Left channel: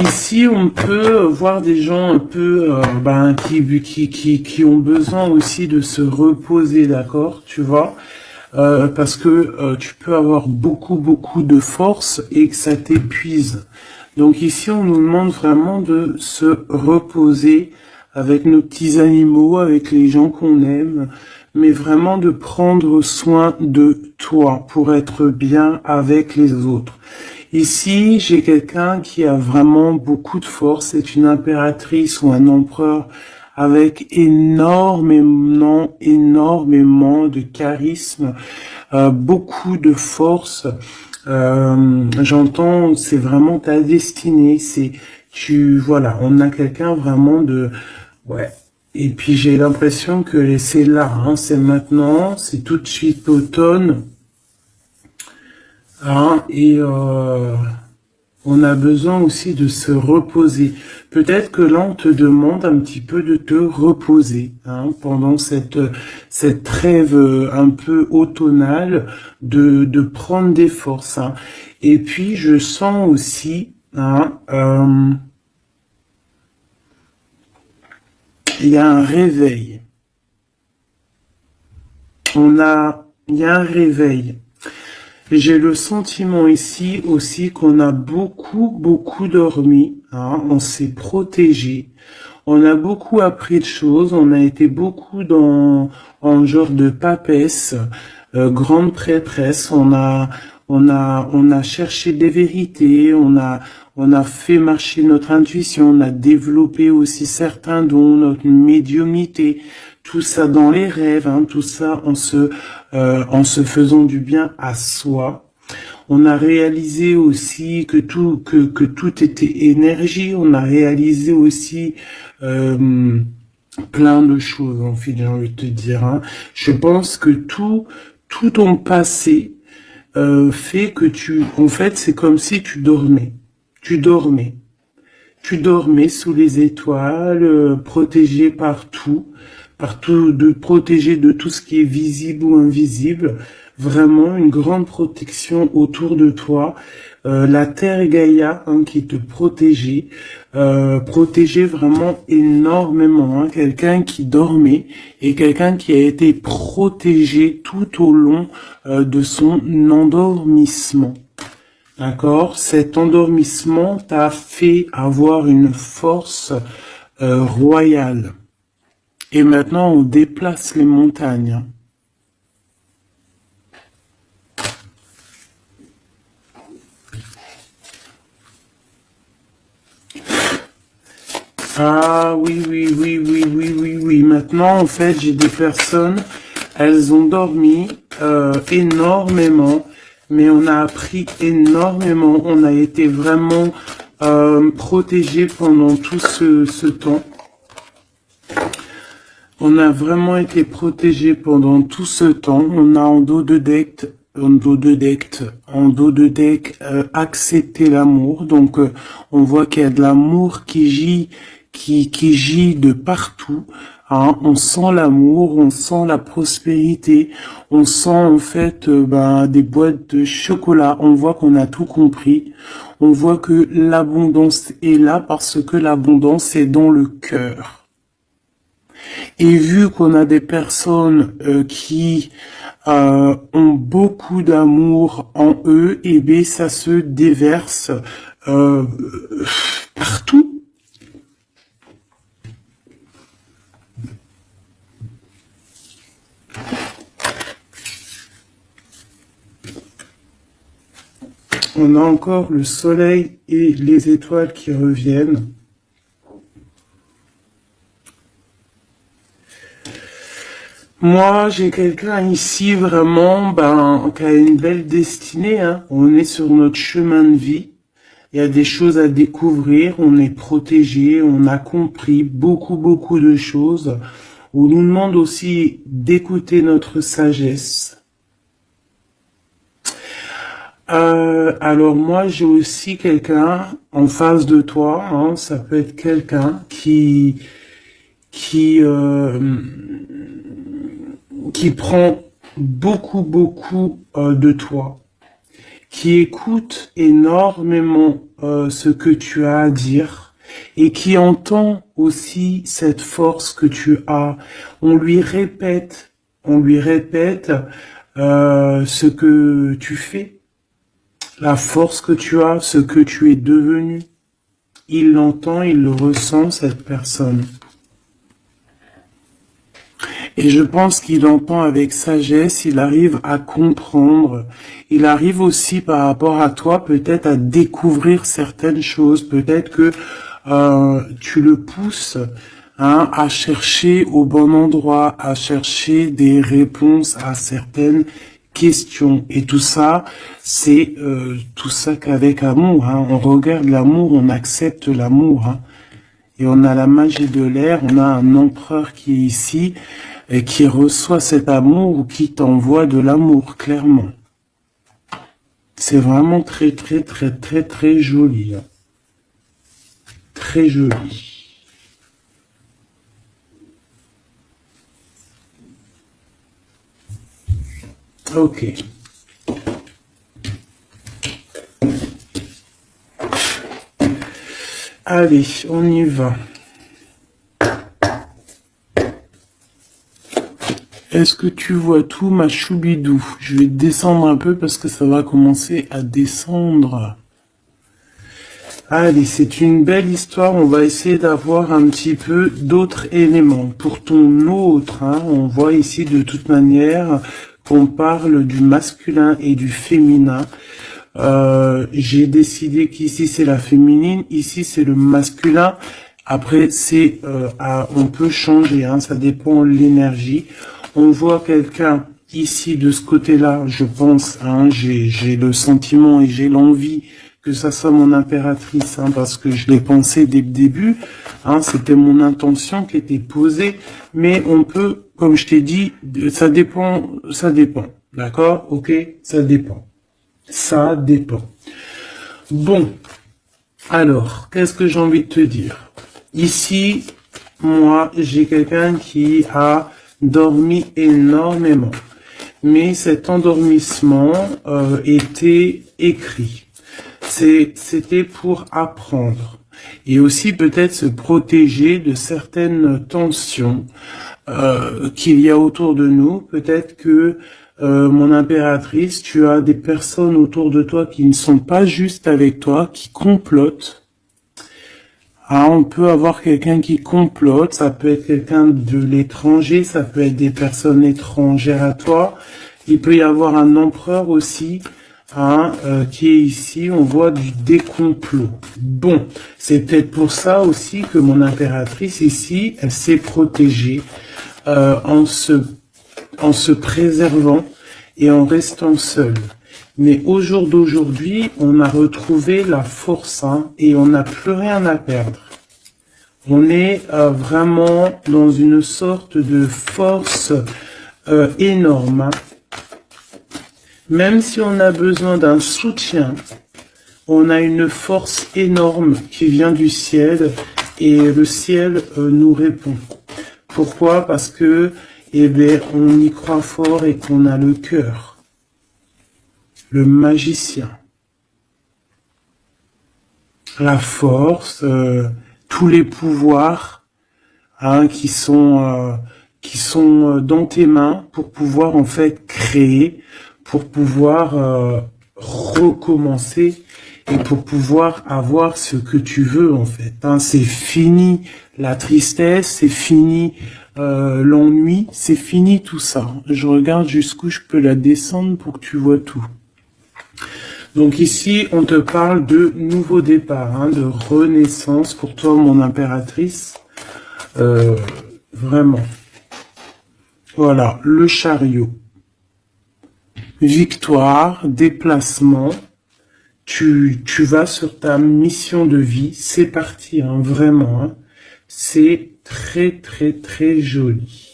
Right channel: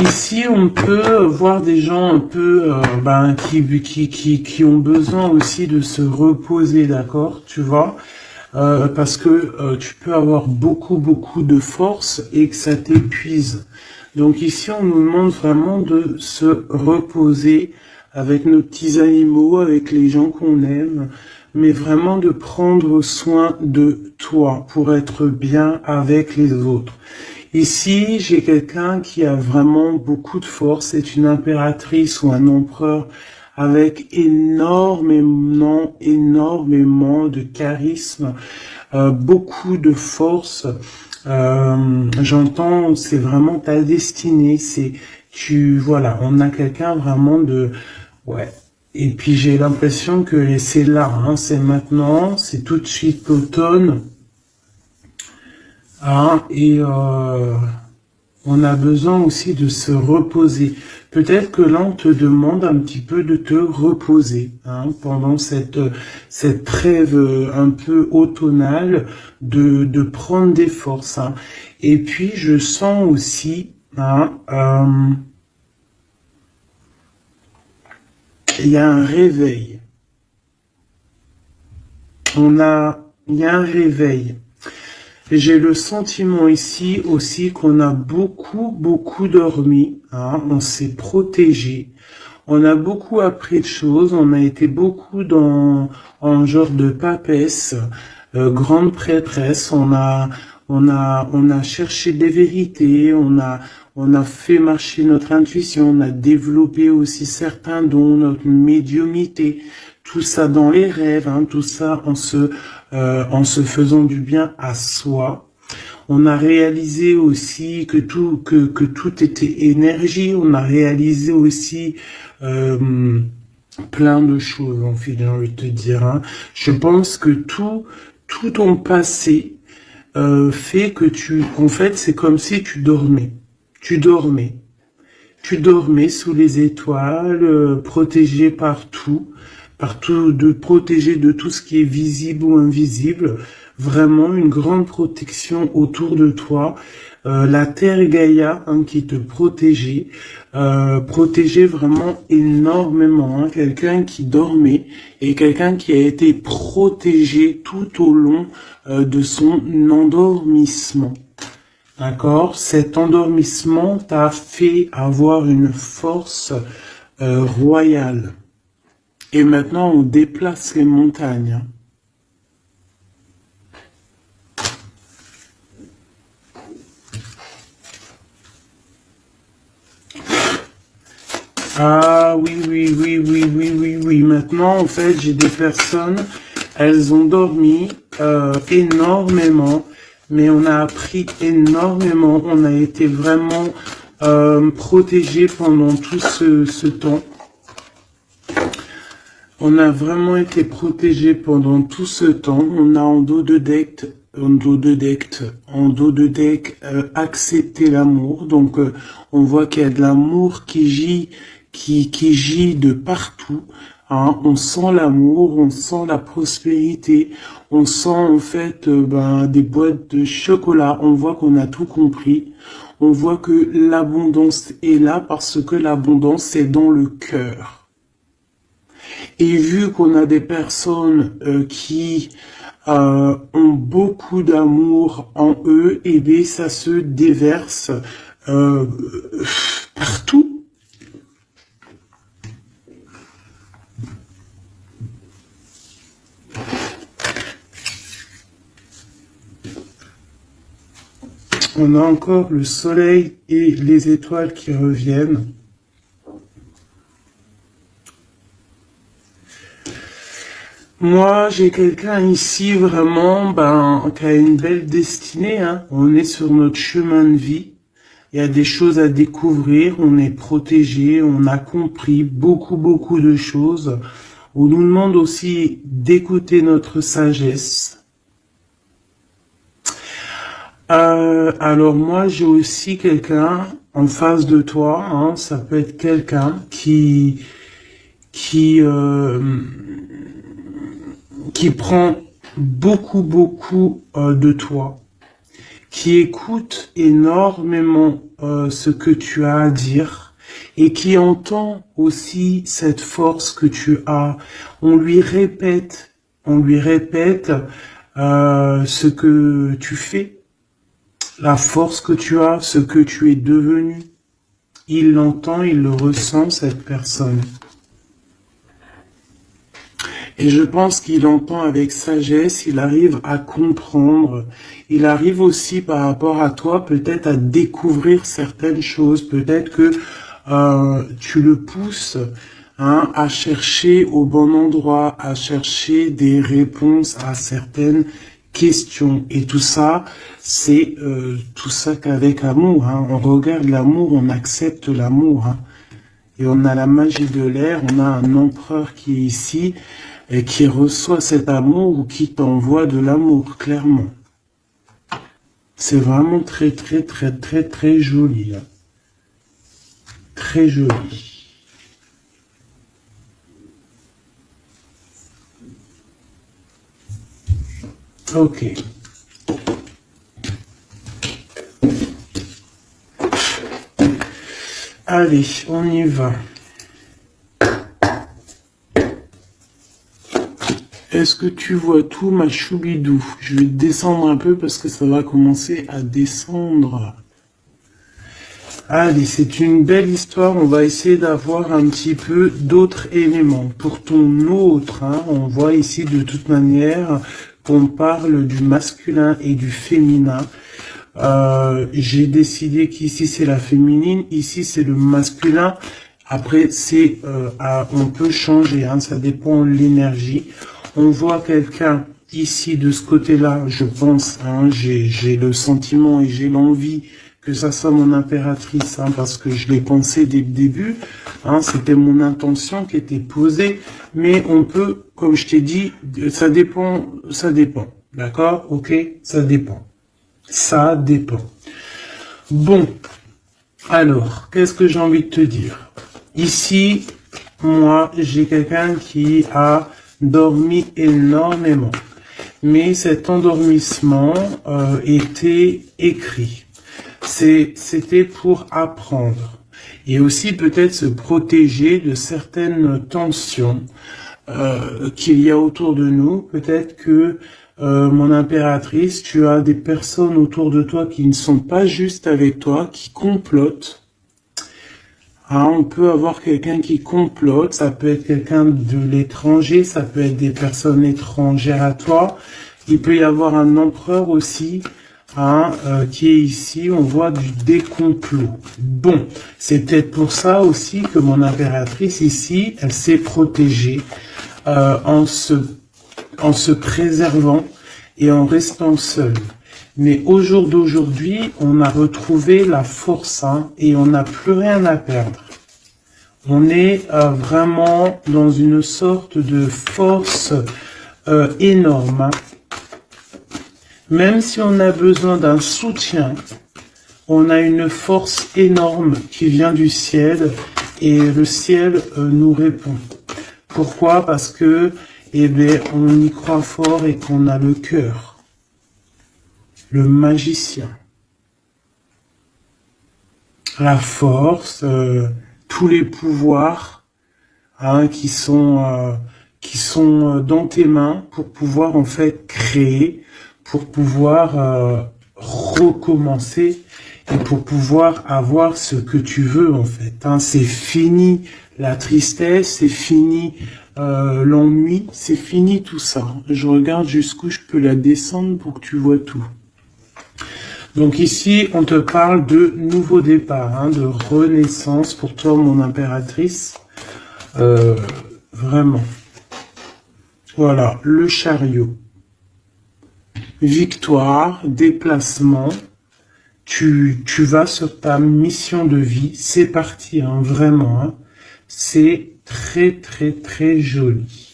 Ici, on peut voir des gens un peu qui ont besoin aussi de se reposer, d'accord, tu vois, parce que tu peux avoir beaucoup de force et que ça t'épuise. Donc ici, on nous demande vraiment de se reposer avec nos petits animaux, avec les gens qu'on aime, mais vraiment de prendre soin de toi pour être bien avec les autres. Ici, j'ai quelqu'un qui a vraiment beaucoup de force, c'est une impératrice ou un empereur avec énormément de charisme, beaucoup de force. J'entends, c'est vraiment ta destinée, voilà, on a quelqu'un vraiment ouais. Et puis j'ai l'impression que c'est là, hein, c'est maintenant, c'est tout de suite l'automne. Hein, et on a besoin aussi de se reposer. Peut-être que là, on te demande un petit peu de te reposer, hein, pendant cette trêve un peu automnale, de prendre des forces. Hein. Et puis, je sens aussi, hein, il y a un réveil. Il y a un réveil. J'ai le sentiment ici aussi qu'on a beaucoup dormi, hein, on s'est protégé, on a beaucoup appris de choses, on a été beaucoup dans un genre de papesse, grande prêtresse, on a cherché des vérités, on a fait marcher notre intuition, on a développé aussi certains dons, notre médiumnité, tout ça dans les rêves, hein, tout ça en se faisant du bien à soi. On a réalisé aussi que tout était énergie. On a réalisé aussi plein de choses, en fait, j'ai envie de te dire. Hein. Je pense que tout ton passé fait que en fait, c'est comme si tu dormais. Tu dormais. Tu dormais sous les étoiles, protégé protégé de tout ce qui est visible ou invisible. Vraiment une grande protection autour de toi. La Terre Gaïa, hein, qui te protégeait vraiment énormément. Hein, quelqu'un qui dormait et quelqu'un qui a été protégé tout au long de son endormissement. D'accord? Cet endormissement t'a fait avoir une force royale. Et maintenant, on déplace les montagnes. Ah oui. Maintenant, en fait, j'ai des personnes, elles ont dormi énormément, mais on a appris énormément. On a été vraiment protégés pendant tout ce temps. On a vraiment été protégés pendant tout ce temps. On a en dos de deck accepté l'amour. Donc on voit qu'il y a de l'amour qui gît de partout. Hein. On sent l'amour, on sent la prospérité, on sent en fait des boîtes de chocolat. On voit qu'on a tout compris. On voit que l'abondance est là parce que l'abondance est dans le cœur. Et vu qu'on a des personnes qui ont beaucoup d'amour en eux, et bien ça se déverse partout. On a encore le soleil et les étoiles qui reviennent. Moi, j'ai quelqu'un ici vraiment qui a une belle destinée. Hein. On est sur notre chemin de vie. Il y a des choses à découvrir. On est protégé. On a compris beaucoup de choses. On nous demande aussi d'écouter notre sagesse. Alors moi, j'ai aussi quelqu'un en face de toi. Hein. Ça peut être quelqu'un qui prend beaucoup de toi, qui écoute énormément ce que tu as à dire et qui entend aussi cette force que tu as. On lui répète ce que tu fais, la force que tu as, ce que tu es devenu. Il l'entend, il le ressent, cette personne. Et je pense qu'il entend avec sagesse, il arrive à comprendre, il arrive aussi par rapport à toi peut-être à découvrir certaines choses, peut-être que tu le pousses à chercher au bon endroit, à chercher des réponses à certaines questions. Et tout ça, c'est tout ça qu'avec amour. On regarde l'amour, on accepte l'amour. Et on a la magie de l'air, on a un empereur qui est ici et qui reçoit cet amour ou qui t'envoie de l'amour, clairement. C'est vraiment très, très, très, très, très joli. Très joli. Ok. Allez, on y va. Est-ce que tu vois tout, ma choubidou? Je vais descendre un peu parce que ça va commencer à descendre. Allez, c'est une belle histoire. On va essayer d'avoir un petit peu d'autres éléments. Pour ton autre, on voit ici de toute manière qu'on parle du masculin et du féminin. J'ai décidé qu'ici c'est la féminine, ici c'est le masculin. Après c'est on peut changer, ça dépend de l'énergie. On voit quelqu'un ici de ce côté-là, je pense, j'ai le sentiment et j'ai l'envie que ça soit mon impératrice, parce que je l'ai pensé dès le début. C'était mon intention qui était posée, mais on peut, comme je t'ai dit, ça dépend, d'accord, ok, ça dépend. Ça dépend. Bon, alors, qu'est-ce que j'ai envie de te dire? Ici, moi, j'ai quelqu'un qui a dormi énormément. Mais cet endormissement était écrit. C'était pour apprendre. Et aussi peut-être se protéger de certaines tensions qu'il y a autour de nous. Peut-être que mon impératrice, tu as des personnes autour de toi qui ne sont pas justes avec toi, qui complotent. On peut avoir quelqu'un qui complote, ça peut être quelqu'un de l'étranger, ça peut être des personnes étrangères à toi. Il peut y avoir un empereur aussi, qui est ici, on voit des complots. Bon, c'est peut-être pour ça aussi que mon impératrice ici, elle s'est protégée en se préservant et en restant seule. Mais au jour d'aujourd'hui, on a retrouvé la force et on n'a plus rien à perdre. On est vraiment dans une sorte de force énorme. Même si on a besoin d'un soutien, on a une force énorme qui vient du ciel et le ciel nous répond. Pourquoi? Parce que on y croit fort et qu'on a le cœur. Le magicien. La force, tous les pouvoirs qui sont dans tes mains pour pouvoir en fait créer, pour pouvoir recommencer et pour pouvoir avoir ce que tu veux en fait. C'est fini la tristesse, c'est fini l'ennui, c'est fini tout ça. Je regarde jusqu'où je peux la descendre pour que tu vois tout. Donc ici, on te parle de nouveau départ, de renaissance pour toi, mon impératrice. Vraiment. Voilà, le chariot. Victoire, déplacement. Tu vas sur ta mission de vie. C'est parti, vraiment. C'est très, très, très joli.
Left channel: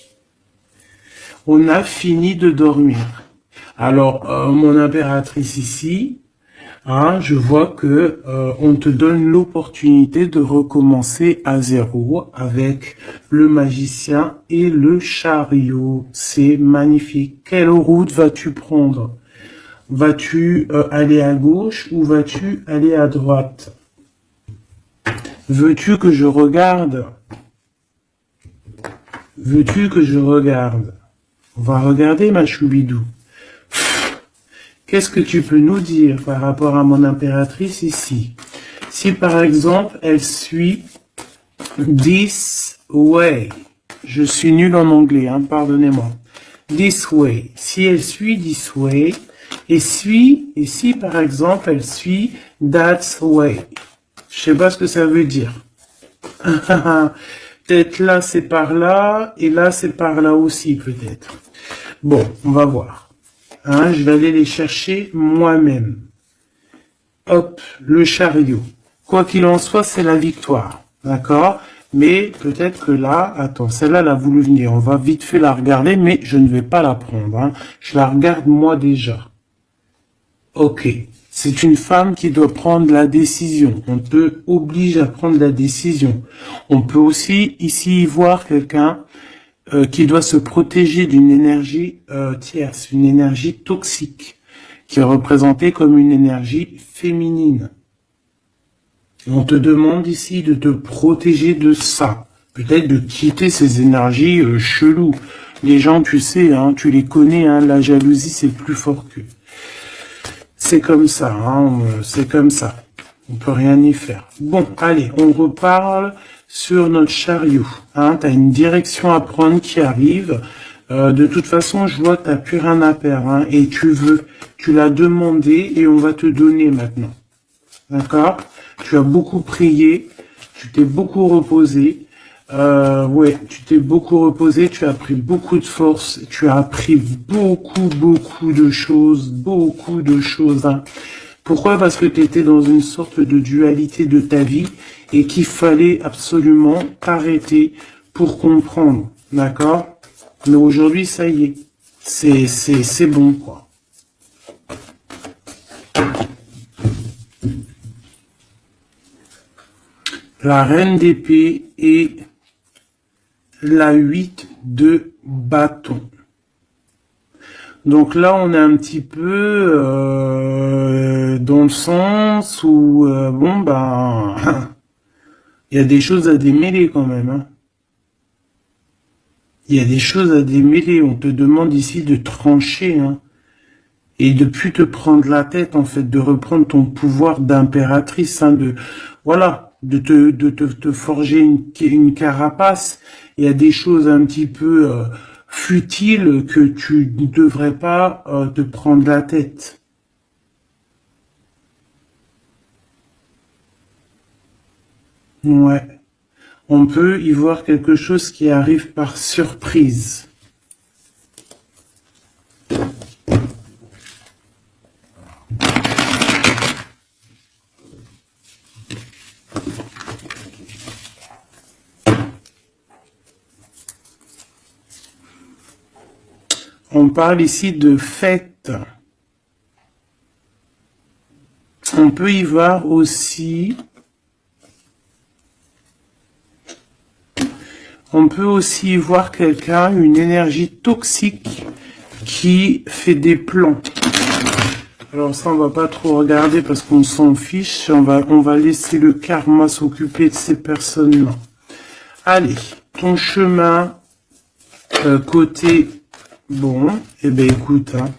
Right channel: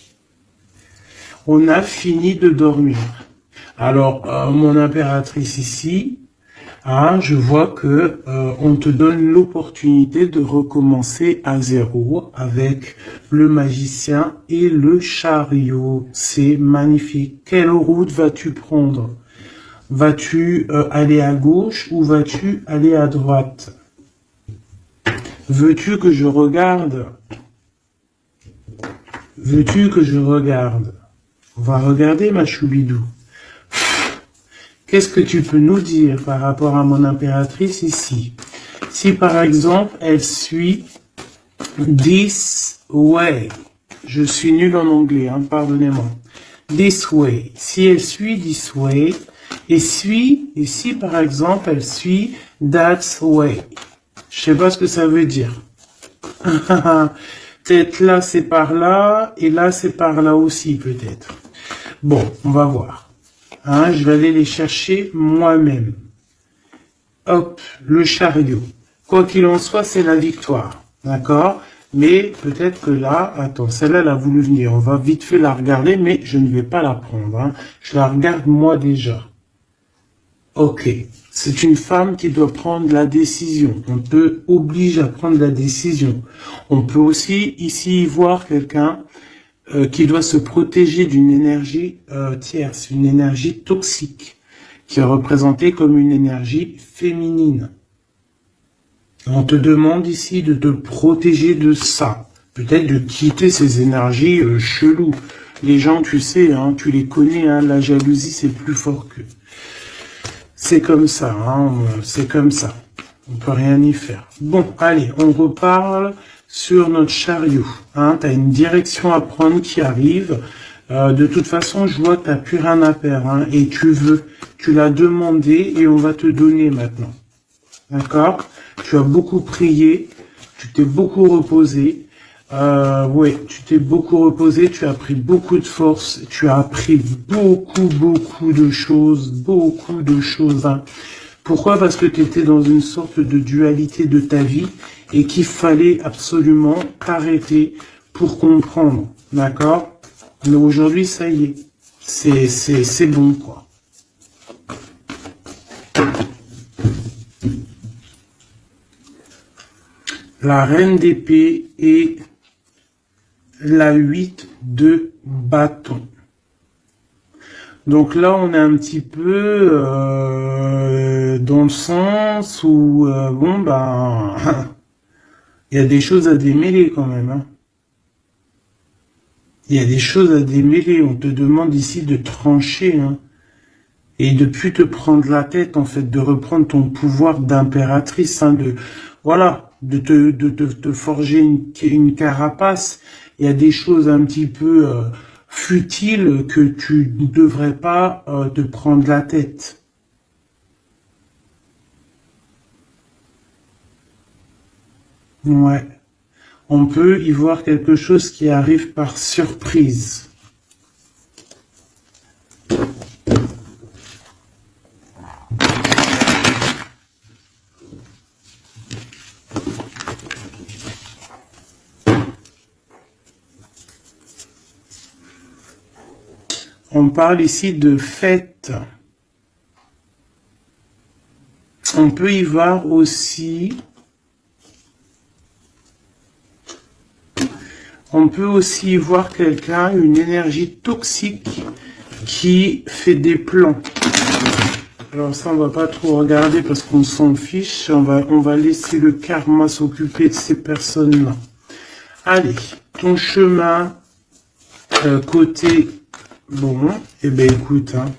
On a fini de dormir. Alors, mon impératrice ici, je vois que on te donne l'opportunité de recommencer à zéro avec le magicien et le chariot. C'est magnifique. Quelle route vas-tu prendre? Vas-tu aller à gauche ou vas-tu aller à droite? Veux-tu que je regarde? Veux-tu que je regarde? On va regarder, ma choubidou. Qu'est-ce que tu peux nous dire par rapport à mon impératrice ici? Si par exemple, elle suit this way. Je suis nul en anglais, hein, pardonnez-moi. This way. Si elle suit this way, et si par exemple, elle suit that way. Je sais pas ce que ça veut dire. Peut-être là, c'est par là, et là, c'est par là aussi, peut-être. Bon, on va voir. Hein, je vais aller les chercher moi-même. Hop, le chariot. Quoi qu'il en soit, c'est la victoire. D'accord? Mais peut-être que là, attends, celle-là, elle a voulu venir. On va vite fait la regarder, mais je ne vais pas la prendre. Hein. Je la regarde moi déjà. Ok. C'est une femme qui doit prendre la décision. On te oblige à prendre la décision. On peut aussi ici voir quelqu'un qui doit se protéger d'une énergie tierce, une énergie toxique, qui est représentée comme une énergie féminine. On te demande ici de te protéger de ça. Peut-être de quitter ces énergies cheloues. Les gens, tu sais, hein, tu les connais, hein, la jalousie, c'est plus fort qu'eux. C'est comme ça, hein, c'est comme ça. On peut rien y faire. Bon, allez, on reparle sur notre chariot. Hein, tu as une direction à prendre qui arrive. De toute façon, je vois que tu n'as plus rien à perdre. Hein, et tu l'as demandé et on va te donner maintenant. D'accord? Tu as beaucoup prié, tu t'es beaucoup reposé. Ouais, tu t'es beaucoup reposé, tu as pris beaucoup de force, tu as appris beaucoup de choses, Hein. Pourquoi? Parce que tu étais dans une sorte de dualité de ta vie et qu'il fallait absolument t'arrêter pour comprendre. D'accord? Mais aujourd'hui, ça y est, c'est bon, quoi. La reine d'épée et la 8 de bâton. Donc là, on est un petit peu dans le sens où, bon, ben, il y a des choses à démêler quand même. Hein. Il y a des choses à démêler. On te demande ici de trancher. Hein. Et de plus te prendre la tête, en fait, de reprendre ton pouvoir d'impératrice, hein, de te forger une carapace. Il y a des choses un petit peu futiles que tu ne devrais pas te prendre la tête. Ouais. On peut y voir quelque chose qui arrive par surprise. On parle ici de fête. On peut y voir aussi... On peut aussi y voir quelqu'un, une énergie toxique qui fait des plans. Alors ça, on va pas trop regarder parce qu'on s'en fiche. On va laisser le karma s'occuper de ces personnes-là. Allez, ton chemin côté... Bon, eh bien écoute, hein,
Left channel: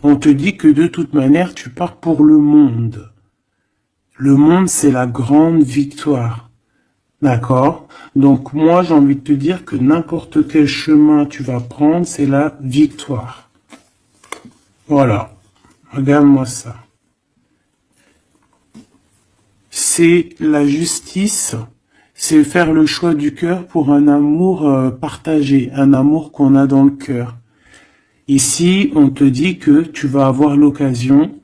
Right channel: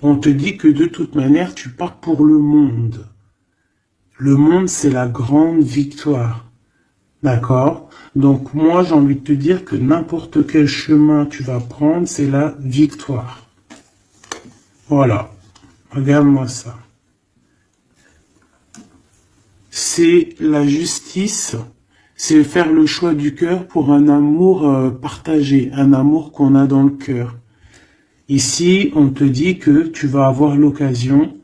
on te dit que de toute manière, tu pars pour le monde. Le monde, c'est la grande victoire. D'accord? Donc moi, j'ai envie de te dire que n'importe quel chemin tu vas prendre, c'est la victoire. Voilà. Regarde-moi ça. C'est la justice, c'est faire le choix du cœur pour un amour partagé, un amour qu'on a dans le cœur. Ici, on te dit que tu vas avoir l'occasion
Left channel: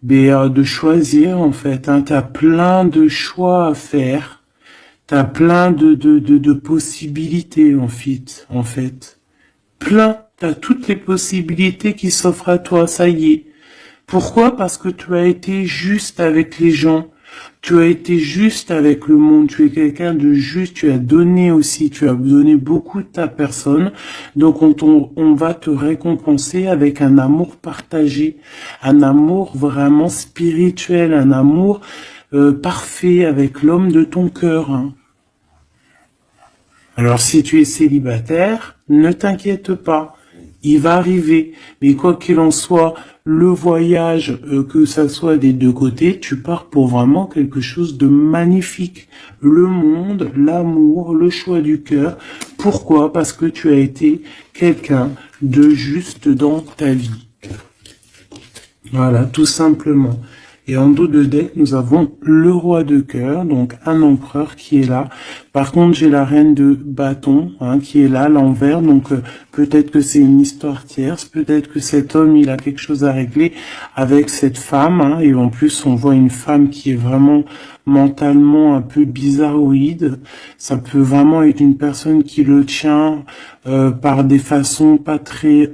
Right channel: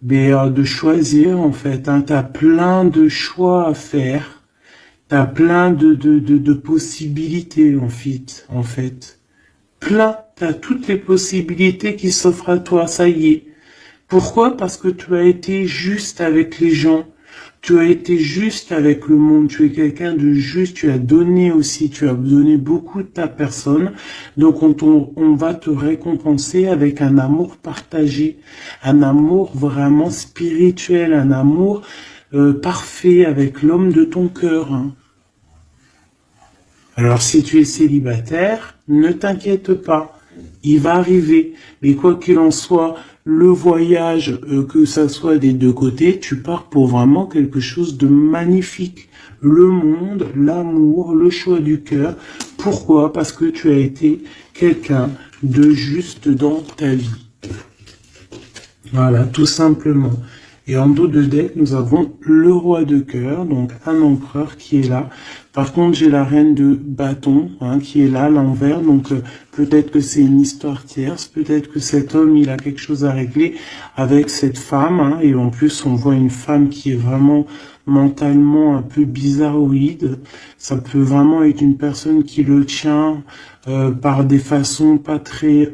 de choisir, en fait. Hein, tu as plein de choix à faire. Tu as plein de possibilités, en fait. Plein. Tu as toutes les possibilités qui s'offrent à toi, ça y est. Pourquoi? Parce que tu as été juste avec les gens. Tu as été juste avec le monde, tu es quelqu'un de juste, tu as donné aussi, tu as donné beaucoup de ta personne. Donc on va te récompenser avec un amour partagé, un amour vraiment spirituel, un amour parfait avec l'homme de ton cœur, hein. Alors si tu es célibataire, ne t'inquiète pas, il va arriver. Mais quoi qu'il en soit, le voyage, que ça soit des deux côtés, tu pars pour vraiment quelque chose de magnifique. Le monde, l'amour, le choix du cœur. Pourquoi? Parce que tu as été quelqu'un de juste dans ta vie. Voilà, tout simplement. Et en dos de deck, nous avons le roi de cœur, donc un empereur qui est là. Par contre, j'ai la reine de bâton, hein, qui est là, à l'envers. Donc, peut-être que c'est une histoire tierce. Peut-être que cet homme, il a quelque chose à régler avec cette femme, hein. Et en plus, on voit une femme qui est vraiment mentalement un peu bizarroïde. Ça peut vraiment être une personne qui le tient par des façons pas très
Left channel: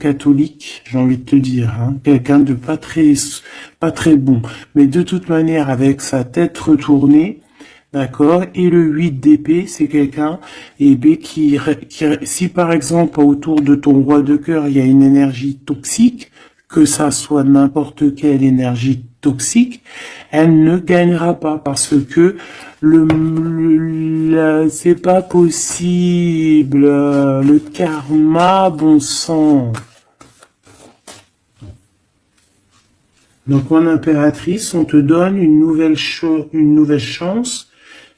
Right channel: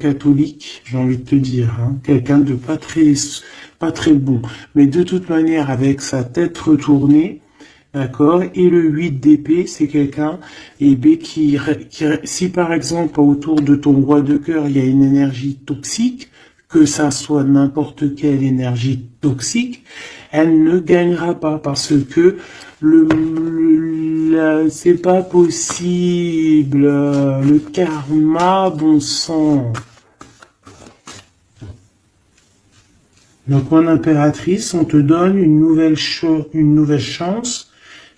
catholiques, j'ai envie de te le dire, hein. Quelqu'un de pas très bon. Mais de toute manière, avec sa tête retournée, d'accord, et le 8 d'épée, c'est quelqu'un si par exemple autour de ton roi de cœur, il y a une énergie toxique, que ça soit n'importe quelle énergie toxique, elle ne gagnera pas parce que c'est pas possible. Le karma, bon sang. Donc en impératrice, on te donne une nouvelle chance.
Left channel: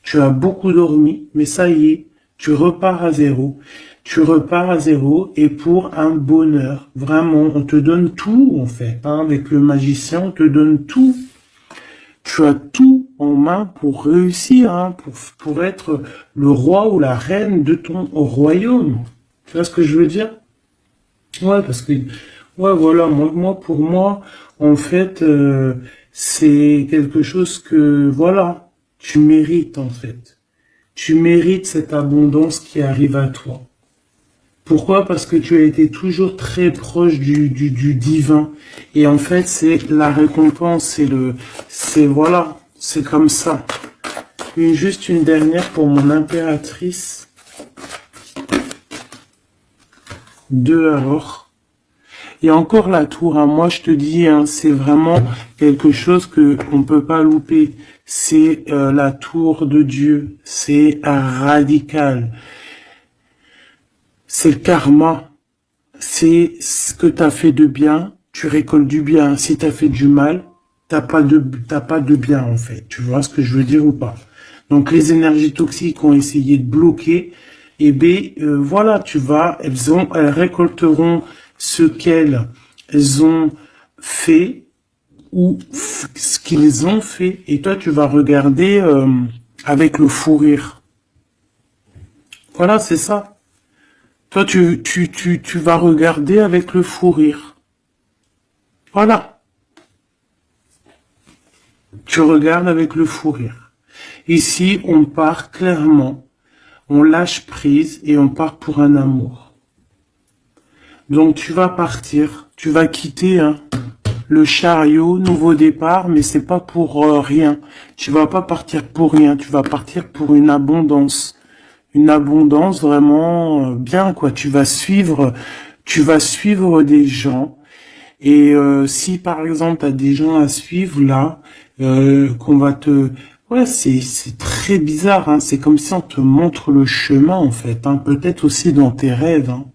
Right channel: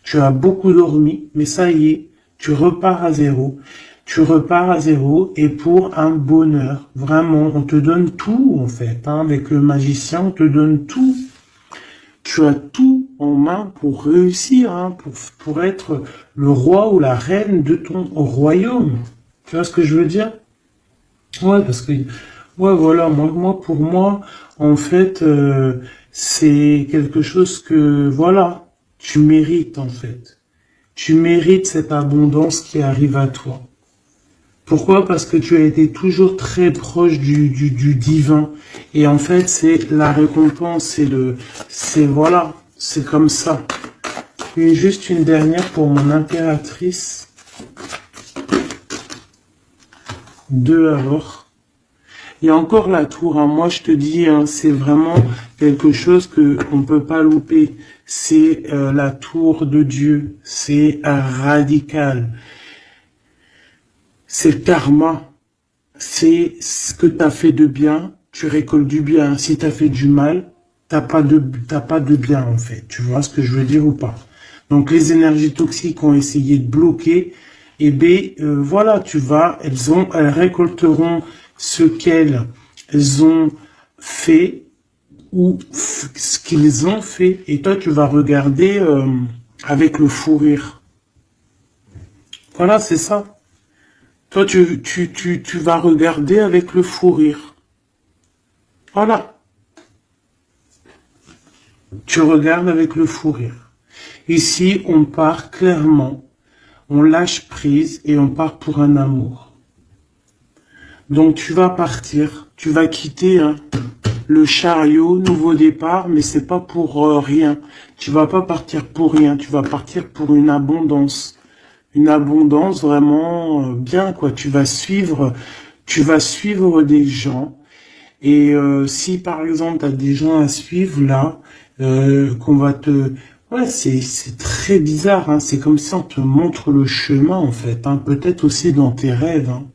Tu as beaucoup dormi, mais ça y est, tu repars à zéro. Tu repars à zéro et pour un bonheur. Vraiment, on te donne tout en fait, hein. Avec le magicien, on te donne tout. Tu as tout en main pour réussir, hein, pour être le roi ou la reine de ton royaume. Tu vois ce que je veux dire? Ouais, parce que, ouais, voilà, pour moi, en fait, c'est quelque chose que, voilà, tu mérites, en fait. Tu mérites cette abondance qui arrive à toi. Pourquoi? Parce que tu as été toujours très proche du divin. Et en fait, c'est la récompense, voilà, c'est comme ça. Juste une dernière pour mon impératrice. 2 alors. Et encore la tour, hein. Moi je te dis, hein, c'est vraiment quelque chose que on peut pas louper. C'est la tour de Dieu. C'est radical. C'est le karma. C'est ce que tu as fait de bien, tu récoltes du bien. Si tu as fait du mal, t'as pas de bien en fait. Tu vois ce que je veux dire ou pas? Donc les énergies toxiques ont essayé de bloquer. Et bien voilà, elles récolteront ce qu'elles ont fait ou ce qu'ils ont fait. Et toi, tu vas regarder avec le fou rire. Voilà, c'est ça. Toi, tu vas regarder avec le fou rire. Voilà. Tu regardes avec le fou rire. Ici, on part clairement. On lâche prise et on part pour un amour. Donc, tu vas partir. Tu vas quitter, hein, le chariot, nouveau départ, mais c'est pas pour rien. Tu vas pas partir pour rien. Tu vas partir pour une abondance. Une abondance vraiment bien, quoi. Tu vas suivre des gens. Et si par exemple tu as des gens à suivre là, qu'on va te... Ouais, c'est très bizarre, hein. C'est comme si on te montre le chemin en fait, hein. Peut-être aussi dans tes rêves, hein.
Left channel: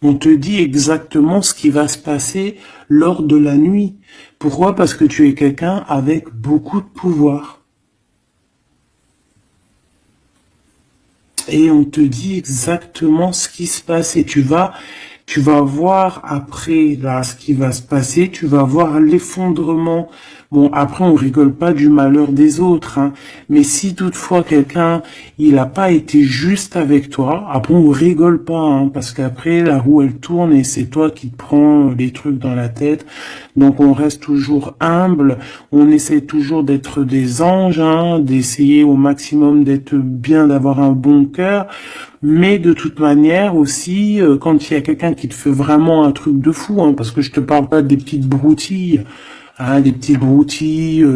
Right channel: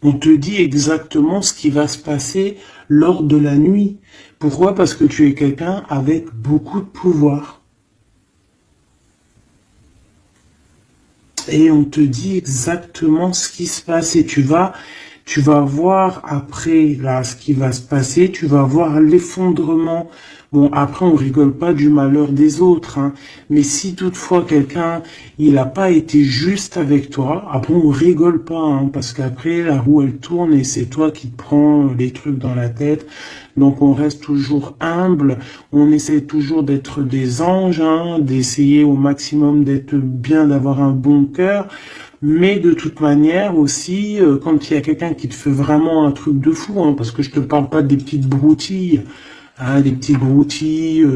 On te dit exactement ce qui va se passer lors de la nuit. Pourquoi? Parce que tu es quelqu'un avec beaucoup de pouvoir. Et on te dit exactement ce qui se passe et tu vas voir après là ce qui va se passer, tu vas voir l'effondrement. Bon, après on rigole pas du malheur des autres, hein, mais si toutefois quelqu'un il n'a pas été juste avec toi, après on rigole pas, hein, parce qu'après la roue elle tourne et c'est toi qui te prends les trucs dans la tête. Donc on reste toujours humble, on essaie toujours d'être des anges, hein, d'essayer au maximum d'être bien, d'avoir un bon cœur. Mais de toute manière aussi, quand il y a quelqu'un qui te fait vraiment un truc de fou, hein, parce que je te parle pas des petites broutilles, hein, des petites broutilles,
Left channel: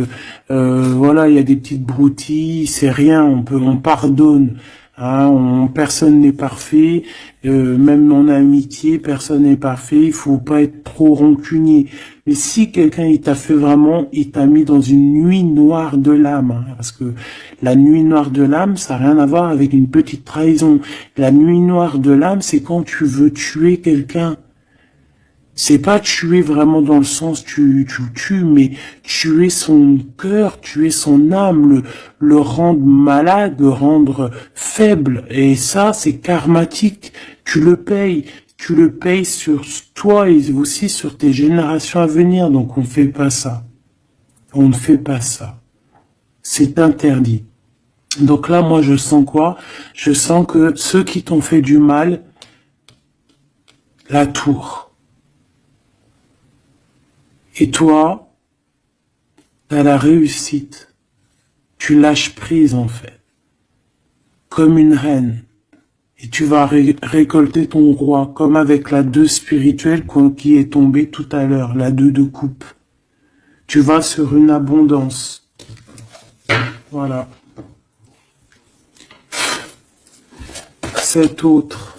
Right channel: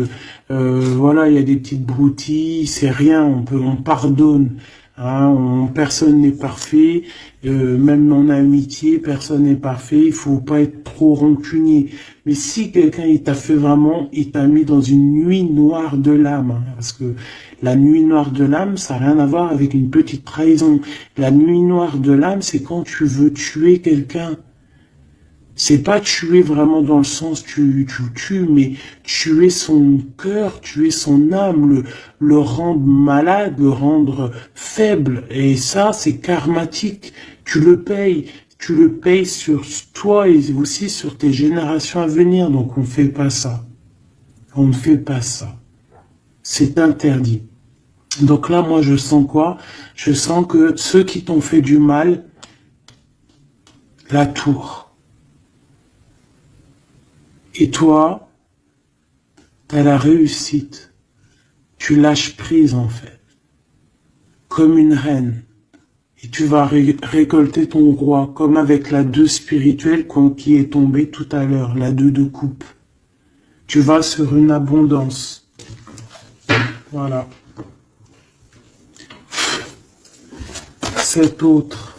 voilà, il y a des petites broutilles, c'est rien, on pardonne, hein, personne n'est parfait, même en amitié, personne n'est parfait, il faut pas être trop rancunier. Mais si quelqu'un il t'a fait vraiment, il t'a mis dans une nuit noire de l'âme, hein, parce que la nuit noire de l'âme, ça n'a rien à voir avec une petite trahison. La nuit noire de l'âme, c'est quand tu veux tuer quelqu'un. C'est pas tuer vraiment dans le sens tu tues, mais tuer son cœur, tuer son âme, le rendre malade, le rendre faible. Et ça, c'est karmatique. Tu le payes. Tu le payes sur toi et aussi sur tes générations à venir. Donc on ne fait pas ça. On ne fait pas ça. C'est interdit. Donc là, moi, je sens quoi? Je sens que ceux qui t'ont fait du mal, la tour. Et toi, t'as la réussite. Tu lâches prise, en fait. Comme une reine. Et tu vas récolter ton roi, comme avec la 2 spirituelle qui est tombée tout à l'heure, la 2 de coupe. Tu vas sur une abondance. Voilà. Cet autre.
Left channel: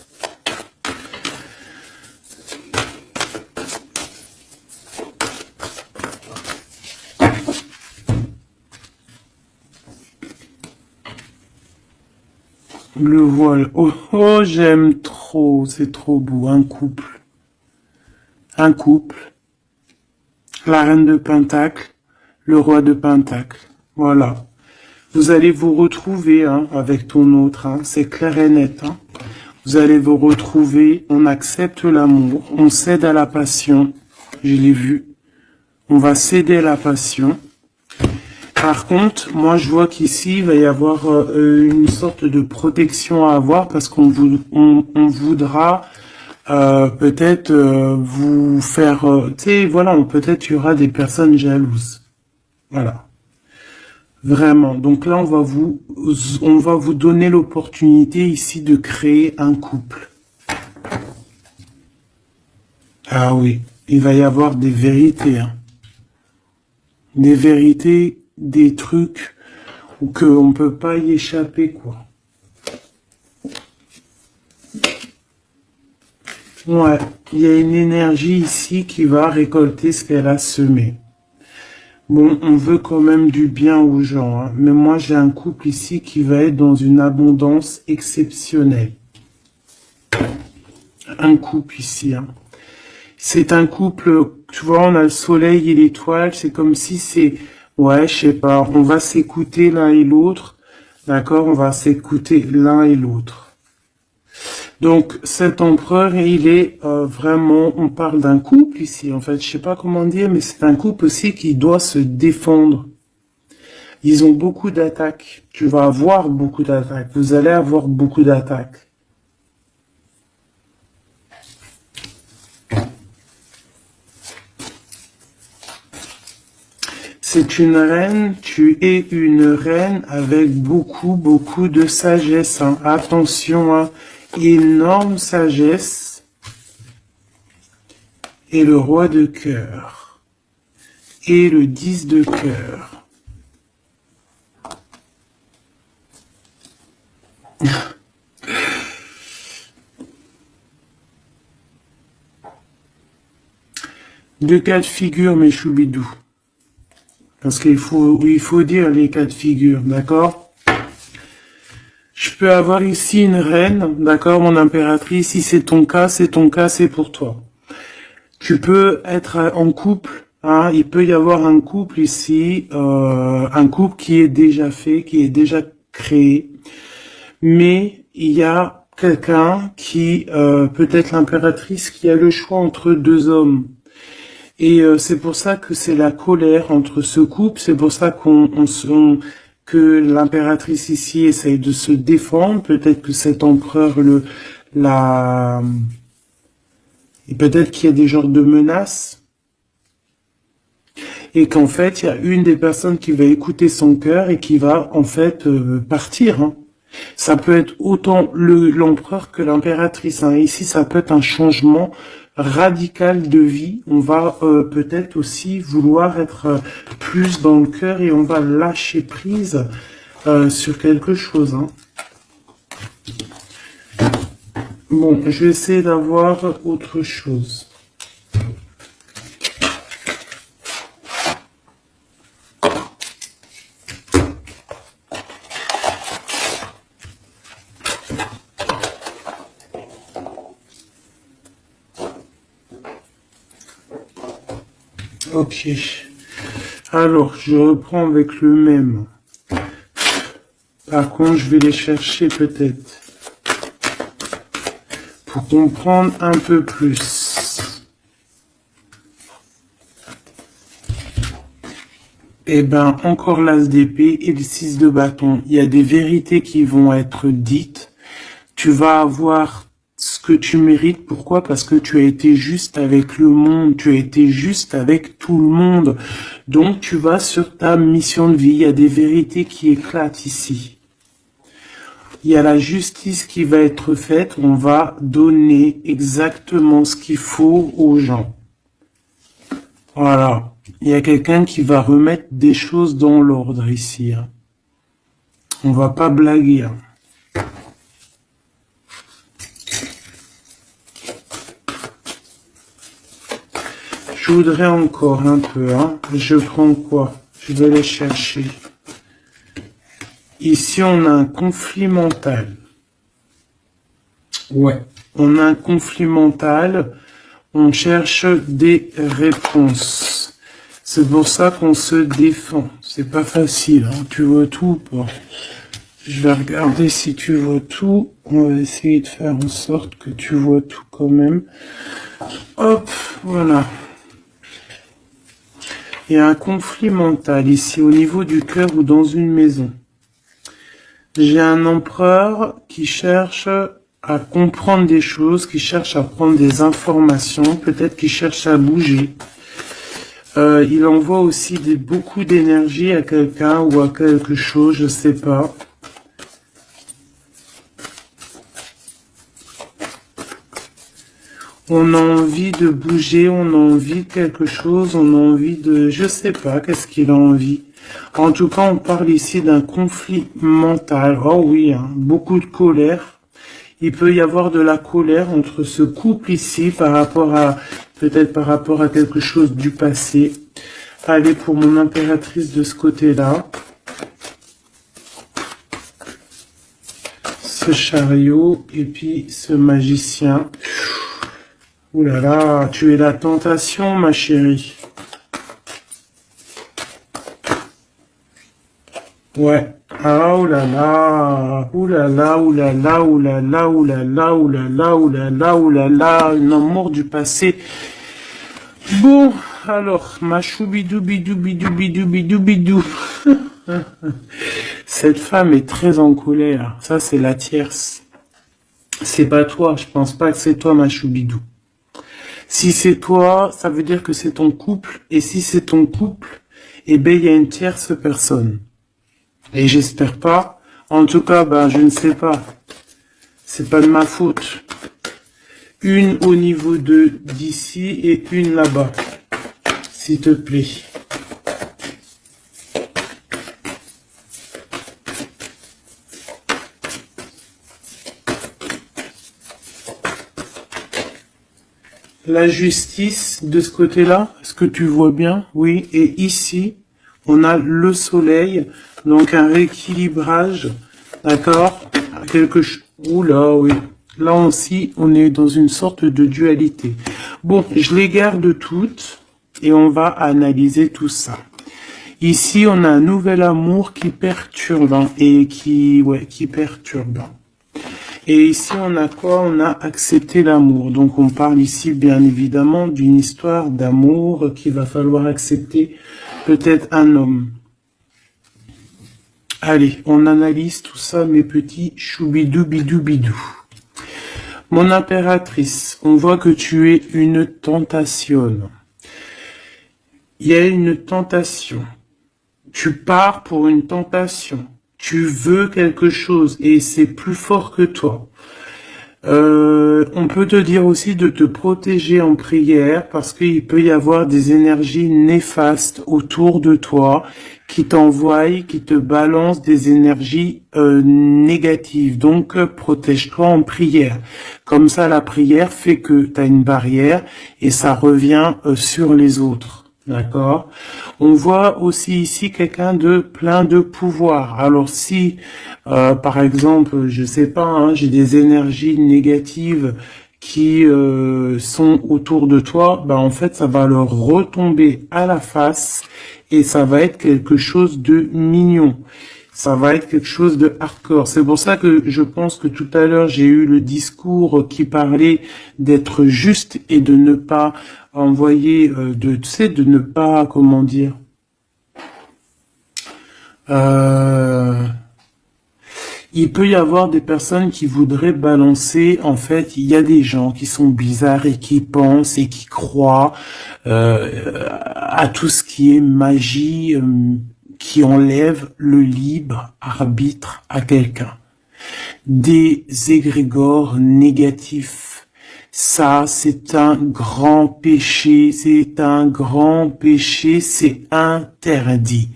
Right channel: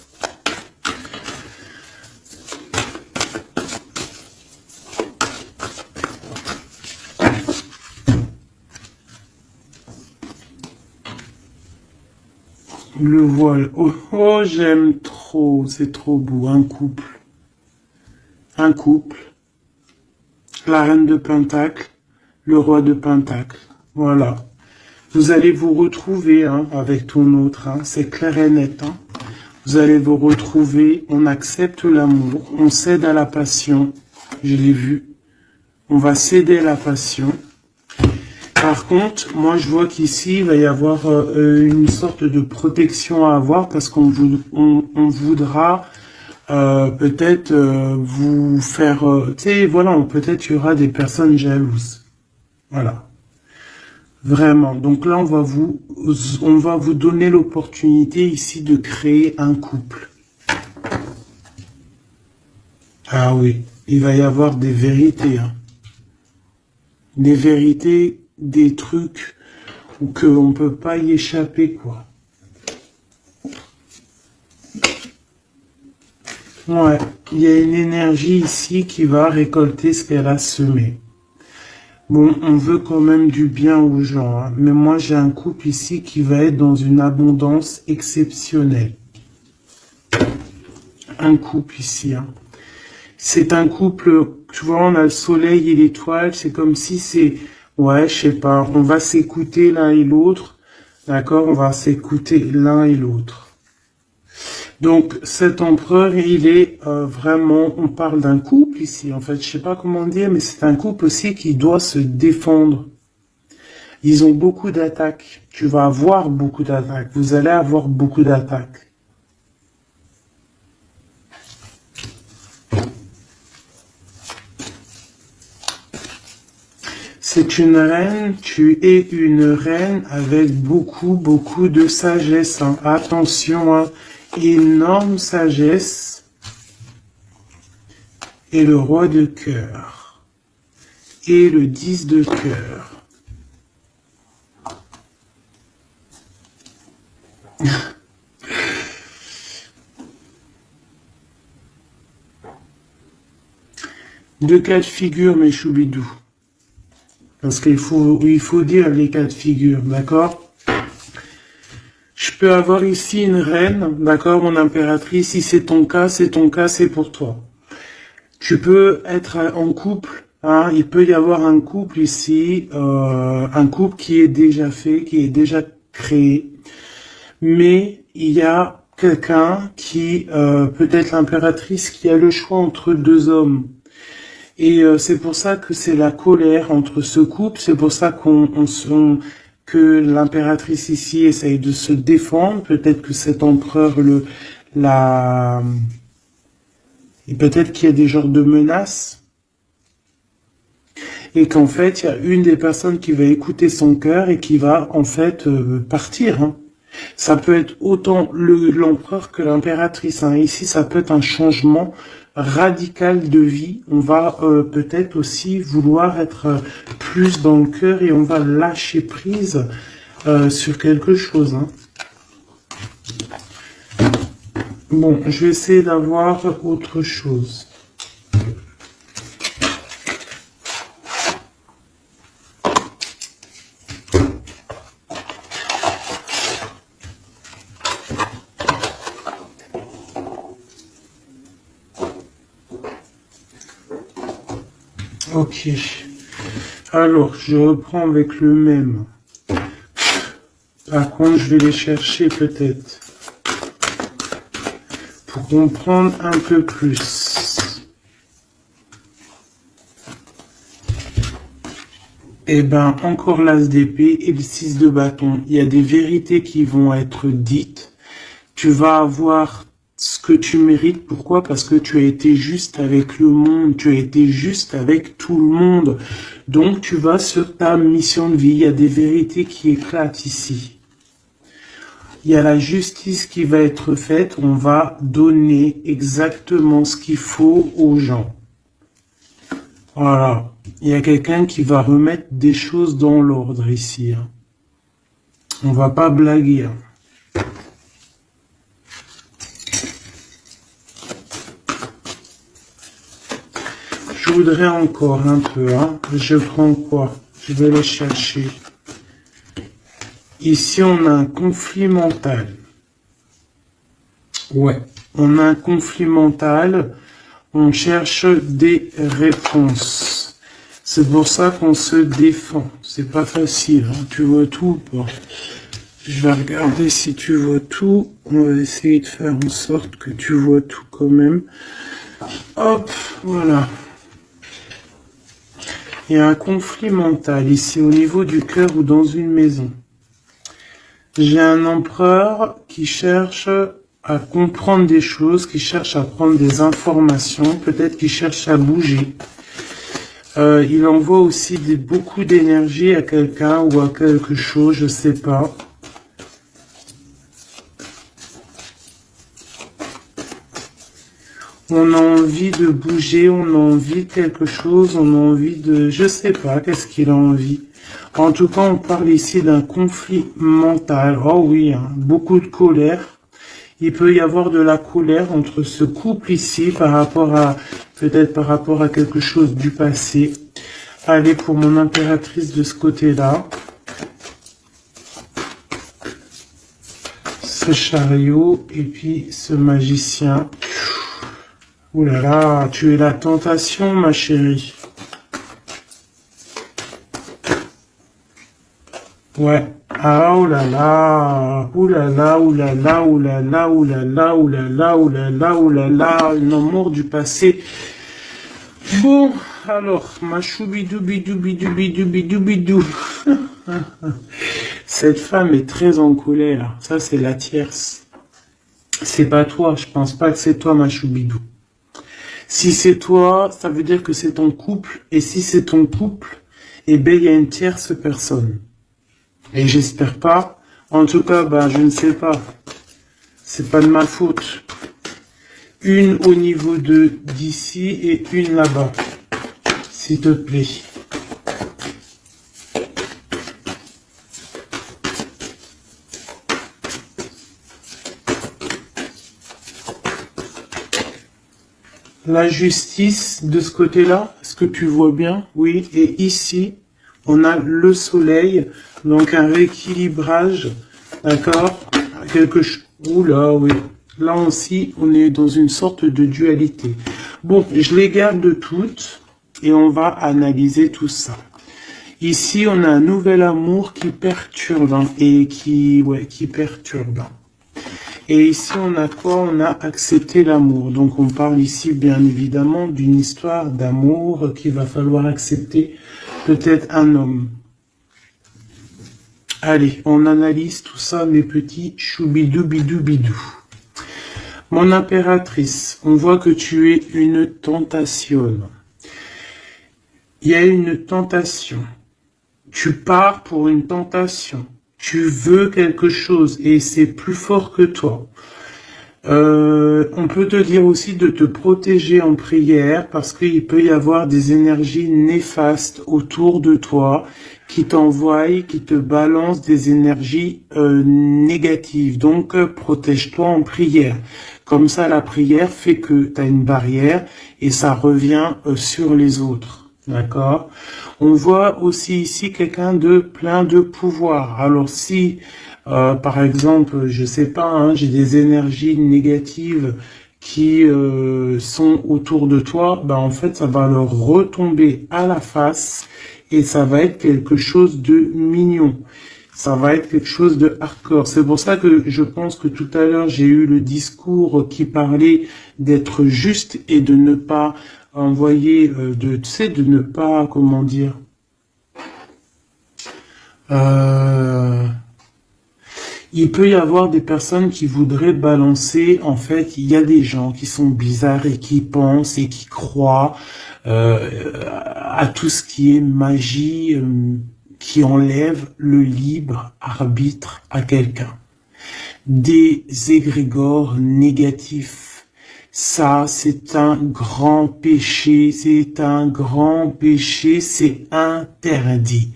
Le voile. Oh, oh, j'aime trop. C'est trop beau. Un couple. Un couple. La reine de Pentacle. Le roi de Pentacle. Voilà. Vous allez vous retrouver hein, avec ton autre. Hein. C'est clair et net. Hein. Vous allez vous retrouver. On accepte l'amour. On cède à la passion. Je l'ai vu. On va céder à la passion. Par contre, moi je vois qu'ici il va y avoir une sorte de protection à avoir parce on voudra peut-être vous faire, tu sais, voilà, peut-être il y aura des personnes jalouses. Voilà, vraiment. Donc là, on va vous donner l'opportunité ici de créer un couple. Ah oui, il va y avoir des vérités, hein. Des vérités, des trucs qu'on ne peut pas y échapper, quoi. Ouais, il y a une énergie ici qui va récolter ce qu'elle a semé. Bon, on veut quand même du bien aux gens, hein, mais moi j'ai un couple ici qui va être dans une abondance exceptionnelle. Un couple ici, hein. C'est un couple, tu vois, on a le soleil et l'étoile, c'est comme si c'est, ouais, je sais pas, on va s'écouter l'un et l'autre, d'accord, on va s'écouter l'un et l'autre. Donc, cet empereur, il est vraiment, on parle d'un couple ici, en fait, je sais pas comment dire, mais c'est un couple aussi qui doit se défendre. Ils ont beaucoup d'attaques, tu vas avoir beaucoup d'attaques, vous allez avoir beaucoup d'attaques. C'est une reine, tu es une reine avec beaucoup de sagesse. Hein. Attention, hein. Énorme sagesse. Et le roi de cœur. Et le 10 de cœur. Deux cas de figure, mes choubidous. Parce qu'il faut dire les cas de figure, d'accord? Je peux avoir ici une reine, d'accord, mon impératrice, si c'est ton cas, c'est ton cas, c'est pour toi. Tu peux être en couple, hein, il peut y avoir un couple ici, un couple qui est déjà fait, qui est déjà créé, mais il y a quelqu'un qui, peut-être l'impératrice, qui a le choix entre deux hommes. Et c'est pour ça que c'est la colère entre ce couple, c'est pour ça que l'impératrice ici essaye de se défendre, peut-être que cet empereur et peut-être qu'il y a des genres de menaces, et qu'en fait, il y a une des personnes qui va écouter son cœur et qui va en fait partir. Hein. Ça peut être autant l'empereur que l'impératrice, hein. Ici, ça peut être un changement radical de vie. On va peut-être aussi vouloir être plus dans le cœur et on va lâcher prise sur quelque chose, hein. Bon, je vais essayer d'avoir autre chose. Ok. Alors, je reprends avec le même. Par contre, je vais les chercher peut-être. Pour comprendre un peu plus. Eh ben, encore l'as d'épée et le 6 de bâton. Il y a des vérités qui vont être dites. Tu vas avoir ce que tu mérites. Pourquoi? Parce que tu as été juste avec le monde. Tu as été juste avec tout le monde. Donc, tu vas sur ta mission de vie. Il y a des vérités qui éclatent ici. Il y a la justice qui va être faite. On va donner exactement ce qu'il faut aux gens. Voilà. Il y a quelqu'un qui va remettre des choses dans l'ordre ici, hein. On va pas blaguer, hein. Je voudrais encore un peu, hein. Je prends quoi? Je vais le chercher. Ici, on a un conflit mental. Ouais, on a un conflit mental. On cherche des réponses. C'est pour ça qu'on se défend. C'est pas facile, hein. Tu vois tout ou pas? Je vais regarder si tu vois tout. On va essayer de faire en sorte que tu vois tout quand même. Hop, voilà. Il y a un conflit mental ici au niveau du cœur ou dans une maison. J'ai un empereur qui cherche à comprendre des choses, qui cherche à prendre des informations, peut-être qu'il cherche à bouger. Il envoie aussi beaucoup d'énergie à quelqu'un ou à quelque chose, je sais pas. On a envie de bouger, on a envie de quelque chose, on a envie de... Je sais pas, qu'est-ce qu'il a envie. En tout cas, on parle ici d'un conflit mental. Oh oui, hein, beaucoup de colère. Il peut y avoir de la colère entre ce couple ici par rapport à... Peut-être par rapport à quelque chose du passé. Allez, pour mon impératrice de ce côté-là. Ce chariot et puis ce magicien. Ouh là là, tu es la tentation, ma chérie. Ouais. Ah, oh là là, oh là là, oh là là, oh là là, oh là là, oh là là, oh là là, oh là là, un amour du passé. Bon, alors, ma choubidou, bidou, bidou, bidou, bidou, bidou. Cette femme est très en colère. Ça, c'est la tierce. C'est pas toi, je pense pas que c'est toi, ma choubidou. Si c'est toi, ça veut dire que c'est ton couple. Et si c'est ton couple, eh ben, il y a une tierce personne. Et j'espère pas. En tout cas, ben, je ne sais pas. C'est pas de ma faute. Une au niveau d'ici et une là-bas. S'il te plaît. La justice de ce côté-là, est-ce que tu vois bien? Oui. Et ici, on a le soleil, donc un rééquilibrage, d'accord? Quelque chose. Oula, oui. Là aussi, on est dans une sorte de dualité. Bon, je les garde toutes et on va analyser tout ça. Ici, on a un nouvel amour qui perturbe hein, et qui perturbe. Et ici, on a quoi? On a accepté l'amour. Donc, on parle ici, bien évidemment, d'une histoire d'amour qu'il va falloir accepter. Peut-être un homme. Allez, on analyse tout ça, mes petits choubidou bidou bidou. Mon impératrice, on voit que tu es une tentation. Il y a une tentation. Tu pars pour une tentation. Tu veux quelque chose et c'est plus fort que toi. On peut te dire aussi de te protéger en prière parce qu'il peut y avoir des énergies néfastes autour de toi qui t'envoient, qui te balancent des énergies négatives. Donc, protège-toi en prière. Comme ça, la prière fait que tu as une barrière et ça revient sur les autres. D'accord? On voit aussi ici quelqu'un de plein de pouvoir. Alors si, par exemple, je sais pas, hein, j'ai des énergies négatives qui sont autour de toi, bah en fait ça va leur retomber à la face et ça va être quelque chose de mignon. Ça va être quelque chose de hardcore. C'est pour ça que je pense que tout à l'heure, j'ai eu le discours qui parlait d'être juste et de ne pas envoyer, tu sais, de ne pas, comment dire, euh, il peut y avoir des personnes qui voudraient balancer, en fait, il y a des gens qui sont bizarres et qui pensent et qui croient à tout ce qui est magie, qui enlève le libre arbitre à quelqu'un. Des égrégores négatifs. Ça, c'est un grand péché, c'est un grand péché, c'est interdit.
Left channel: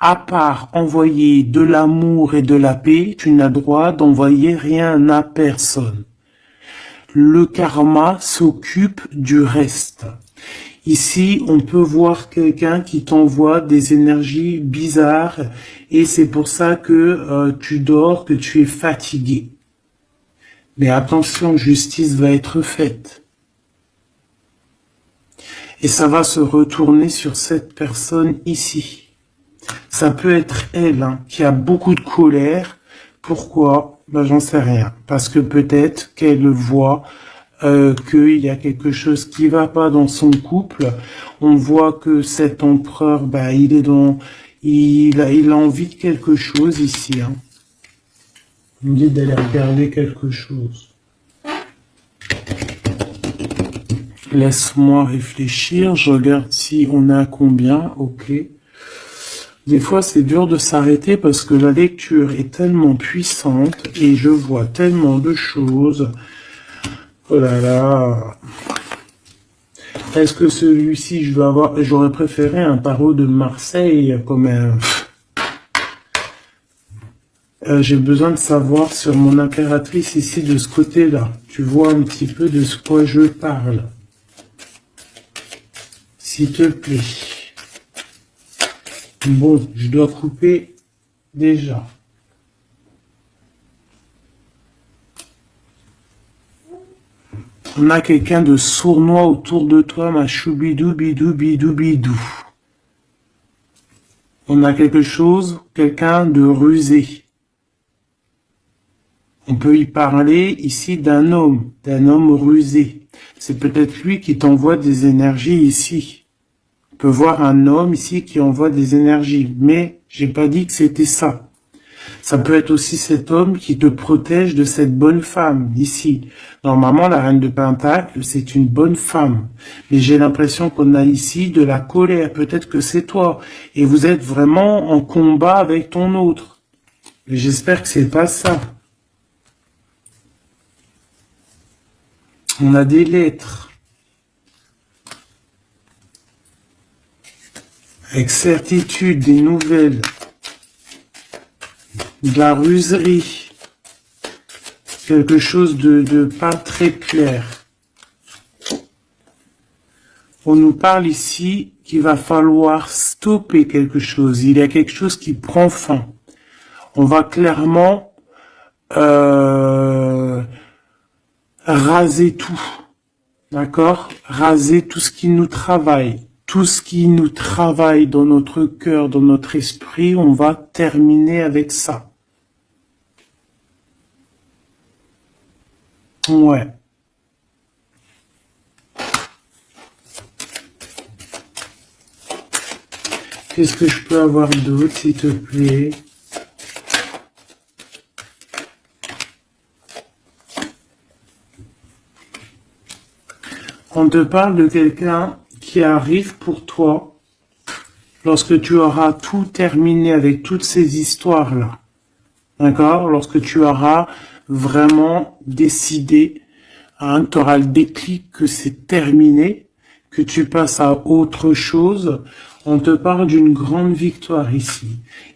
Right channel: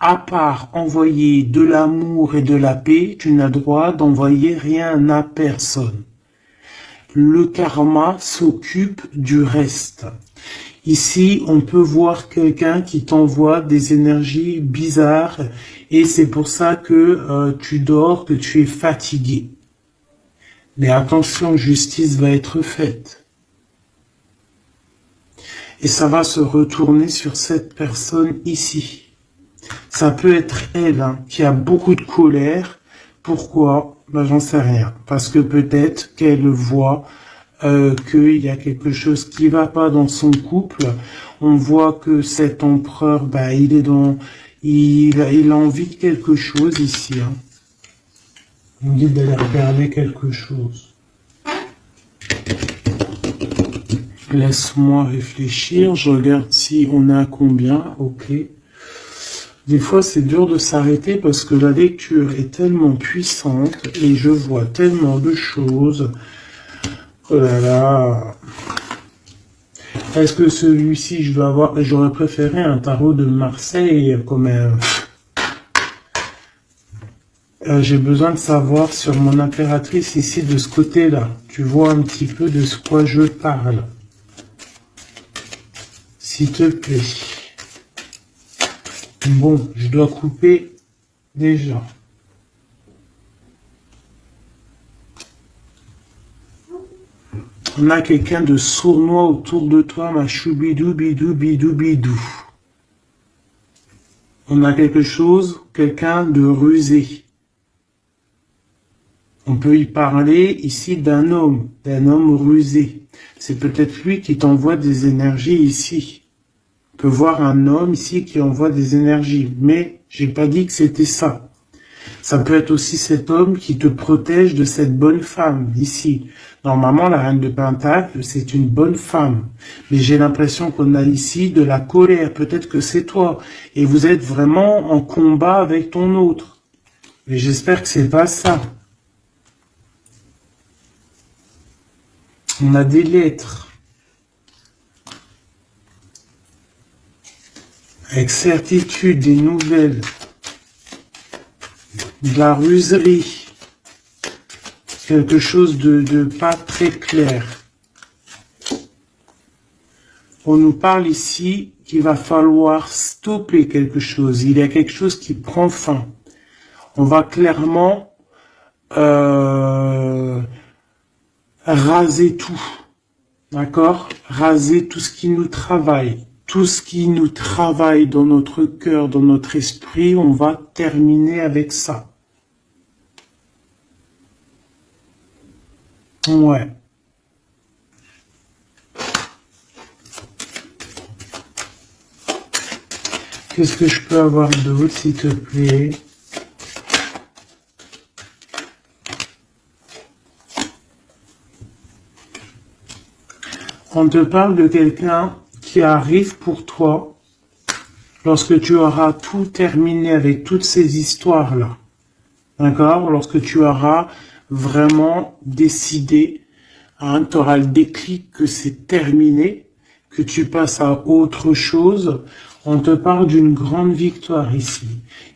À part envoyer de l'amour et de la paix, tu n'as droit d'envoyer rien à personne. Le karma s'occupe du reste. Ici, on peut voir quelqu'un qui t'envoie des énergies bizarres et c'est pour ça que tu dors, que tu es fatigué. Mais attention, justice va être faite. Et ça va se retourner sur cette personne ici. Ça peut être elle hein, qui a beaucoup de colère. Pourquoi? Ben, j'en sais rien. Parce que peut-être qu'elle voit qu'il y a quelque chose qui va pas dans son couple. On voit que cet empereur, ben, il a envie de quelque chose ici. Hein. Il me dit d'aller regarder quelque chose. Laisse-moi réfléchir. Je regarde si on a combien. Ok. Des fois, c'est dur de s'arrêter parce que la lecture est tellement puissante et je vois tellement de choses. Oh là là. Est-ce que celui-ci, j'aurais préféré un tarot de Marseille comme un... j'ai besoin de savoir sur mon impératrice ici de ce côté-là. Tu vois un petit peu de ce quoi je parle. S'il te plaît. Bon, je dois couper déjà. On a quelqu'un de sournois autour de toi, ma choubidou, bidou, bidou, bidou. On a quelque chose, quelqu'un de rusé. On peut y parler ici d'un homme rusé. C'est peut-être lui qui t'envoie des énergies ici. On peut voir un homme ici qui envoie des énergies, mais j'ai pas dit que c'était ça. Ça peut être aussi cet homme qui te protège de cette bonne femme, ici. Normalement, la reine de Pentacle, c'est une bonne femme. Mais j'ai l'impression qu'on a ici de la colère. Peut-être que c'est toi. Et vous êtes vraiment en combat avec ton autre. Et j'espère que c'est pas ça. On a des lettres. Avec certitude, des nouvelles. De la ruserie. Quelque chose de pas très clair. On nous parle ici qu'il va falloir stopper quelque chose. Il y a quelque chose qui prend fin. On va clairement raser tout. D'accord? Raser tout ce qui nous travaille. Tout ce qui nous travaille dans notre cœur, dans notre esprit, on va terminer avec ça. Ouais. Qu'est-ce que je peux avoir d'autre, s'il te plaît? On te parle de quelqu'un qui arrive pour toi lorsque tu auras tout terminé avec toutes ces histoires-là. D'accord? Lorsque tu auras vraiment décidé, hein, tu auras le déclic que c'est terminé, que tu passes à autre chose, on te parle d'une grande victoire ici.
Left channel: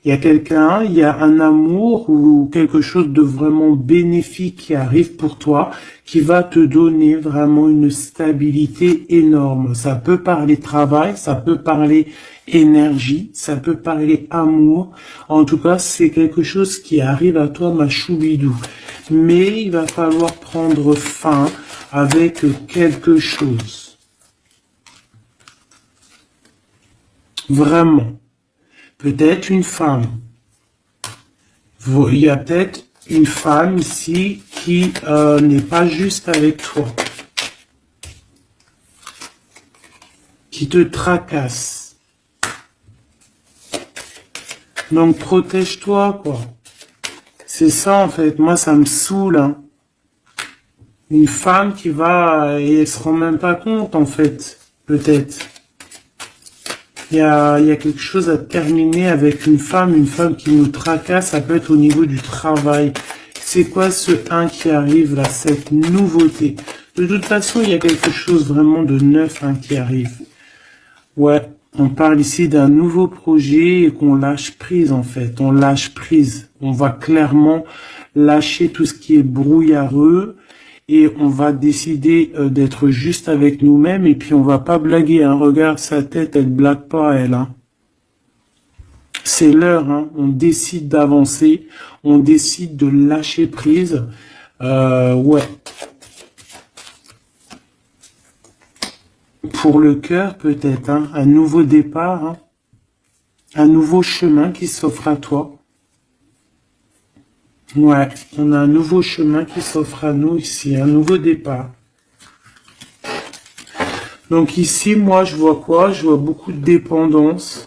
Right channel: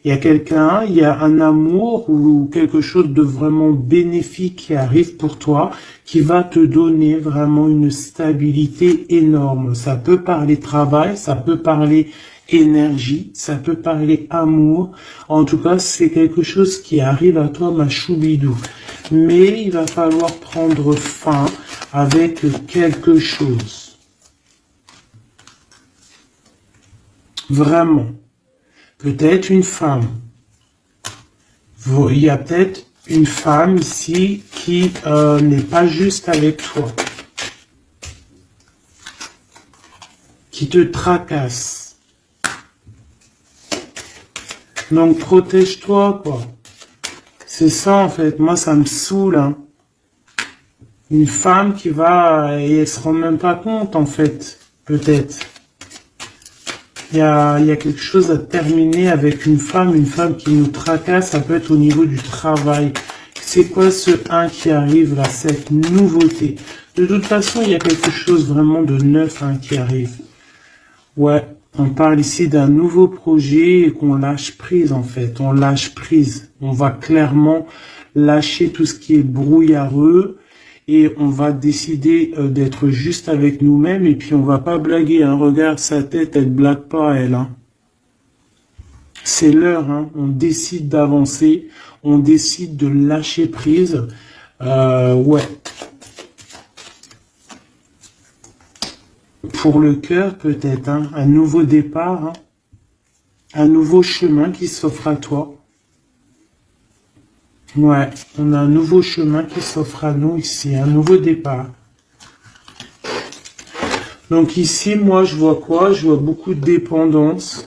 Il y a quelqu'un, il y a un amour ou quelque chose de vraiment bénéfique qui arrive pour toi, qui va te donner vraiment une stabilité énorme. Ça peut parler travail, ça peut parler énergie, ça peut parler amour. En tout cas, c'est quelque chose qui arrive à toi, ma choubidou. Mais il va falloir prendre fin avec quelque chose. Vraiment. Peut-être une femme. Il y a peut-être une femme ici qui n'est pas juste avec toi. Qui te tracasse. Donc protège-toi, quoi. C'est ça, en fait. Moi, ça me saoule, hein. Une femme qui va... Et elle se rend même pas compte, en fait. Peut-être. Il y a quelque chose à terminer avec une femme qui nous tracasse, ça peut être au niveau du travail. C'est quoi ce 1 qui arrive là, cette nouveauté? De toute façon, il y a quelque chose vraiment de neuf hein, qui arrive. Ouais, on parle ici d'un nouveau projet et qu'on lâche prise en fait. On lâche prise. On va clairement lâcher tout ce qui est brouillareux. Et on va décider d'être juste avec nous-mêmes et puis on va pas blaguer. Hein. Regarde sa tête, elle blague pas elle. Hein. C'est l'heure. Hein. On décide d'avancer, on décide de lâcher prise. Ouais. Pour le cœur peut-être hein, un nouveau départ, hein. Un nouveau chemin qui s'offre à toi. Ouais, on a un nouveau chemin qui s'offre à nous ici, un nouveau départ. Donc ici, moi, je vois quoi? Je vois beaucoup de dépendance.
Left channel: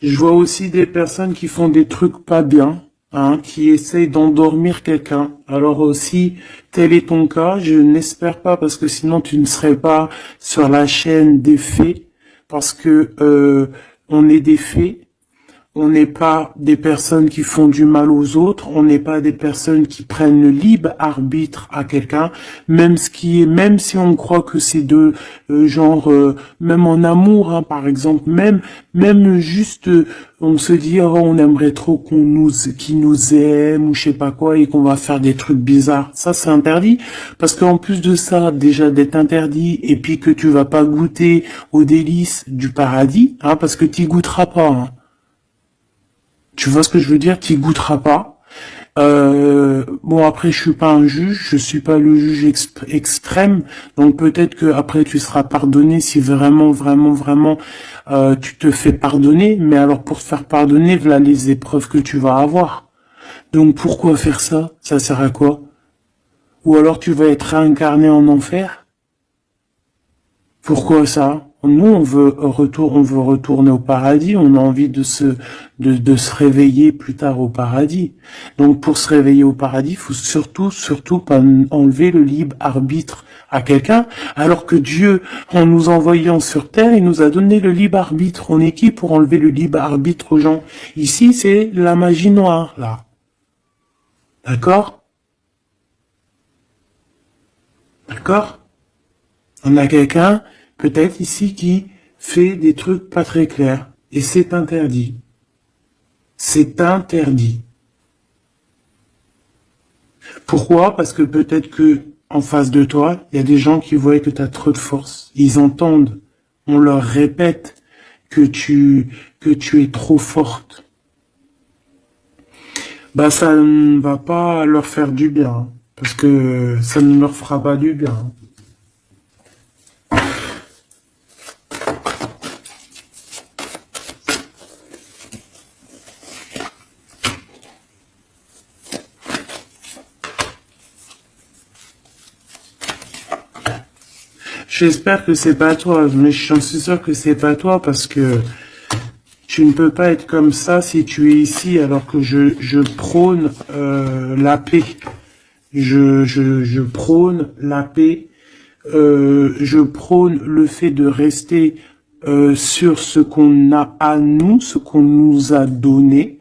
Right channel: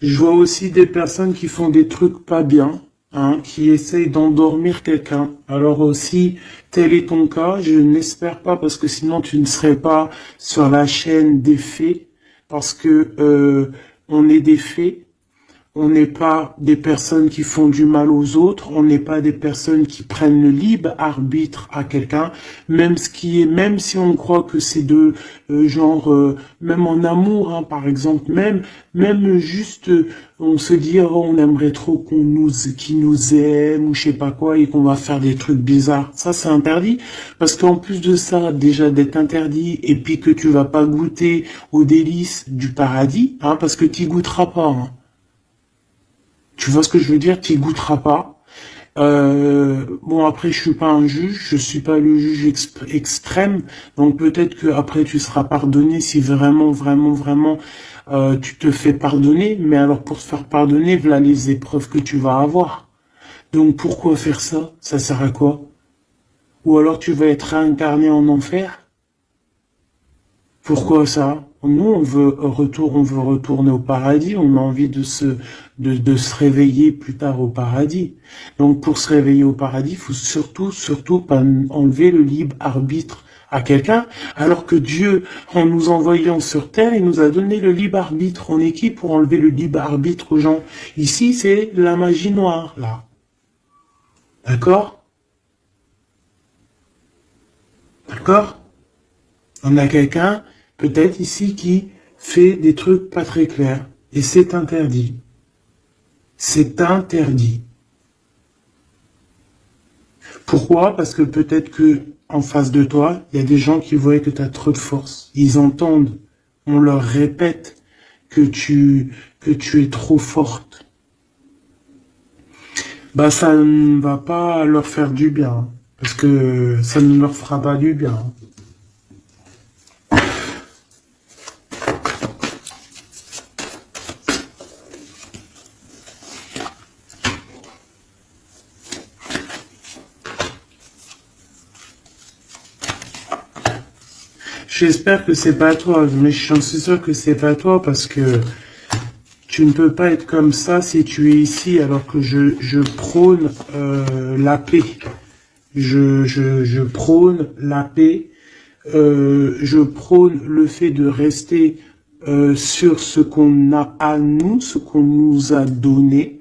Je vois aussi des personnes qui font des trucs pas bien, hein, qui essayent d'endormir quelqu'un. Alors aussi, tel est ton cas, je n'espère pas, parce que sinon tu ne serais pas sur la chaîne des faits, parce que on est des faits. On n'est pas des personnes qui font du mal aux autres, on n'est pas des personnes qui prennent le libre arbitre à quelqu'un, même si on croit que c'est de genre, même en amour, hein, par exemple, même juste, on se dit, oh, on aimerait trop qu'il nous aime ou je sais pas quoi et qu'on va faire des trucs bizarres. Ça, c'est interdit, parce qu'en plus de ça, déjà d'être interdit et puis que tu vas pas goûter aux délices du paradis, hein, parce que tu goûteras pas. Hein. Tu vois ce que je veux dire? Tu y goûteras pas. Bon après je suis pas un juge, je suis pas le juge extrême, donc peut-être que après tu seras pardonné si vraiment tu te fais pardonner, mais alors pour te faire pardonner, voilà les épreuves que tu vas avoir. Donc pourquoi faire ça? Ça sert à quoi? Ou alors tu vas être réincarné en enfer? Pourquoi ça? Nous, on veut retourner au paradis, on a envie de se réveiller plus tard au paradis. Donc, pour se réveiller au paradis, il faut surtout pas enlever le libre arbitre à quelqu'un, alors que Dieu, en nous envoyant sur terre, il nous a donné le libre arbitre. On est qui pour enlever le libre arbitre aux gens? Ici, c'est la magie noire, là. D'accord? D'accord? On a quelqu'un, peut-être ici, qui fait des trucs pas très clairs. Et c'est interdit. C'est interdit. Pourquoi? Parce que peut-être que en face de toi, il y a des gens qui voient que tu as trop de force. Ils entendent. On leur répète que tu es trop forte. Bah, ça ne va pas leur faire du bien. Hein, parce que ça ne leur fera pas du bien. Hein. J'espère que c'est pas toi, mais je suis sûr que c'est pas toi parce que tu ne peux pas être comme ça si tu es ici alors que je prône la paix. Je prône la paix. Je prône le fait de rester sur ce qu'on a à nous, ce qu'on nous a donné.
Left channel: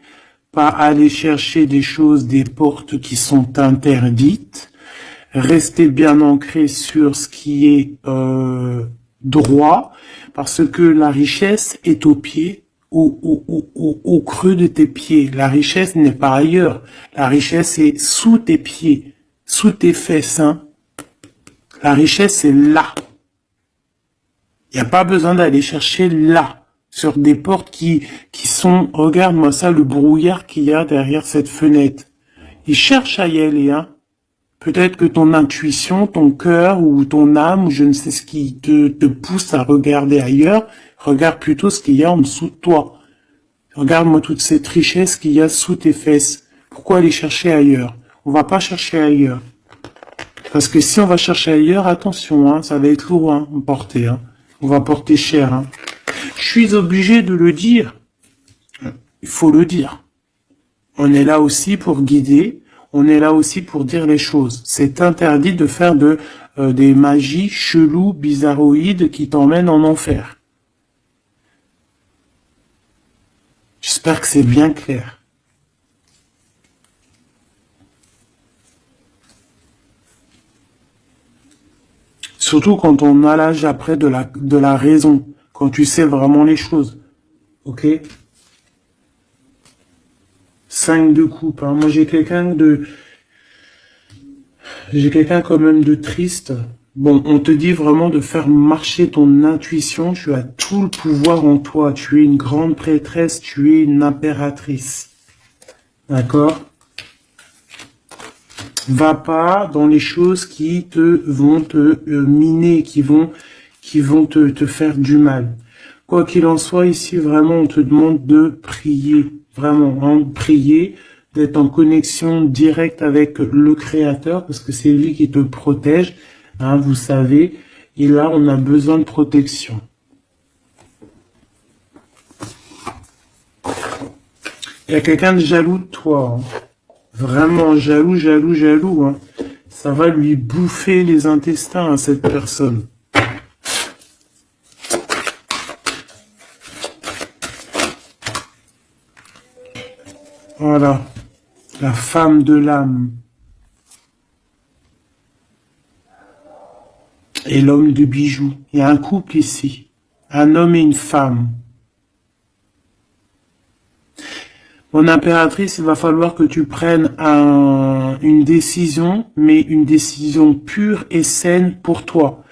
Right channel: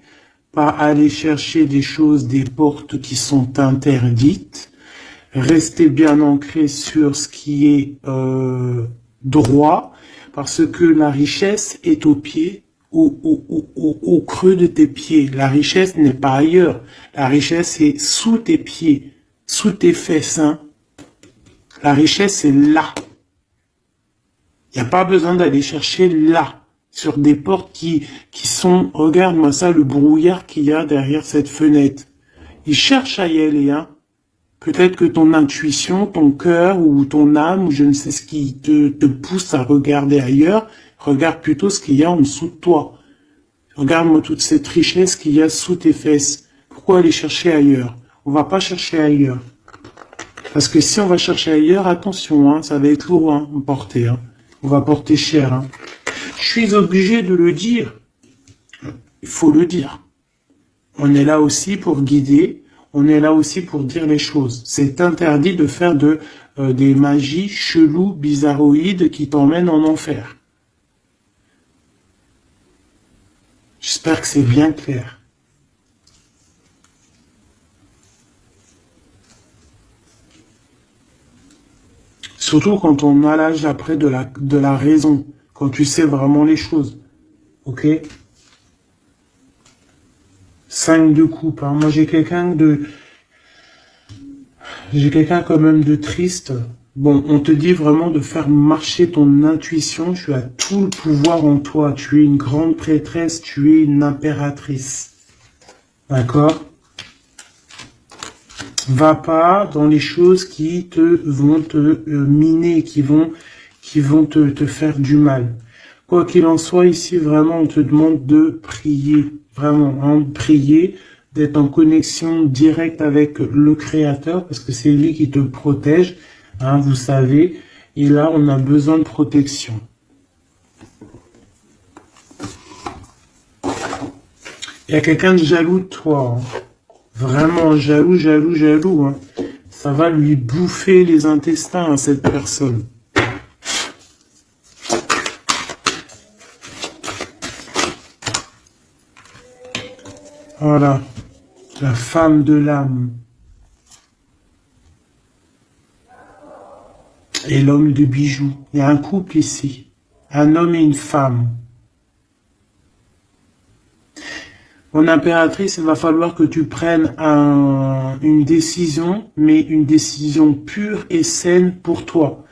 pas aller chercher des choses, des portes qui sont interdites. Restez bien ancré sur ce qui est droit, parce que la richesse est au pied, au creux de tes pieds. La richesse n'est pas ailleurs. La richesse est sous tes pieds, sous tes fesses. Hein. La richesse est là. Il n'y a pas besoin d'aller chercher là, sur des portes qui sont... Regarde-moi ça, le brouillard qu'il y a derrière cette fenêtre. Il cherche à y aller, hein. Peut-être que ton intuition, ton cœur ou ton âme, ou je ne sais ce qui te pousse à regarder ailleurs, regarde plutôt ce qu'il y a en dessous de toi. Regarde-moi toute cette richesse qu'il y a sous tes fesses. Pourquoi aller chercher ailleurs? On va pas chercher ailleurs. Parce que si on va chercher ailleurs, attention, hein, ça va être lourd hein, à porter. Hein. On va porter cher. Hein. Je suis obligé de le dire. Il faut le dire. On est là aussi pour guider. On est là aussi pour dire les choses. C'est interdit de faire des magies cheloues, bizarroïdes qui t'emmènent en enfer. J'espère que c'est bien clair. Surtout quand on a l'âge après de la raison, quand tu sais vraiment les choses. Ok? 5 de coupe. Hein. Moi j'ai quelqu'un quand même de triste. Bon, on te dit vraiment de faire marcher ton intuition. Tu as tout le pouvoir en toi. Tu es une grande prêtresse. Tu es une impératrice. D'accord? Va pas dans les choses qui vont te miner, qui vont te faire du mal. Quoi qu'il en soit, ici, vraiment, on te demande de prier. Vraiment, hein, de prier, d'être en connexion directe avec le Créateur, parce que c'est lui qui te protège. Hein, vous savez, et là on a besoin de protection. Il y a quelqu'un de jaloux de toi, hein. Vraiment jaloux. Hein. Ça va lui bouffer les intestins à cette personne. Voilà, la femme de l'âme. Et l'homme de bijoux. Il y a un couple ici. Un homme et une femme. Mon impératrice, il va falloir que tu prennes une décision, mais une décision pure et saine pour toi.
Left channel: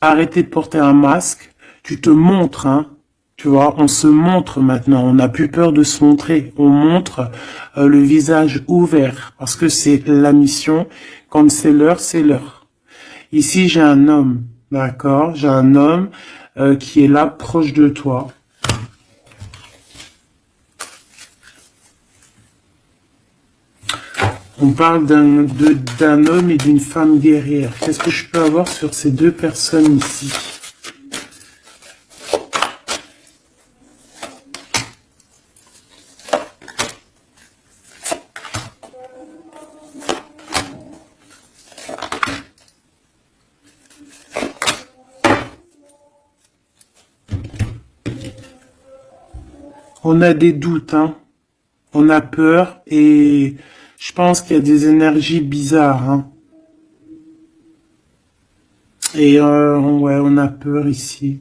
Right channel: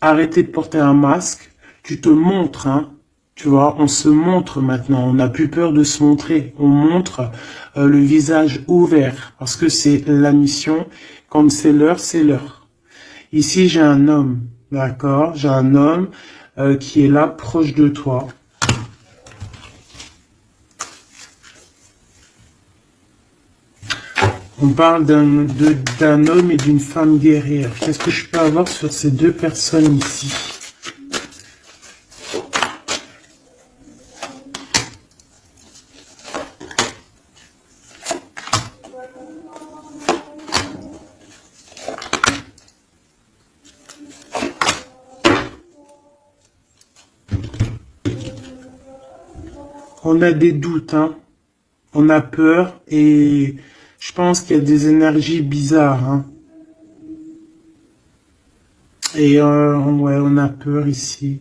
Arrêtez de porter un masque. Tu te montres, hein. Tu vois, on se montre maintenant. On n'a plus peur de se montrer. On montre le visage ouvert. Parce que c'est la mission. Quand c'est l'heure, c'est l'heure. Ici, j'ai un homme, d'accord? J'ai un homme qui est là, proche de toi. On parle d'un homme et d'une femme guerrière. Qu'est-ce que je peux avoir sur ces deux personnes ici? On a des doutes, hein. On a peur et je pense qu'il y a des énergies bizarres, hein. Et ouais, on a peur ici.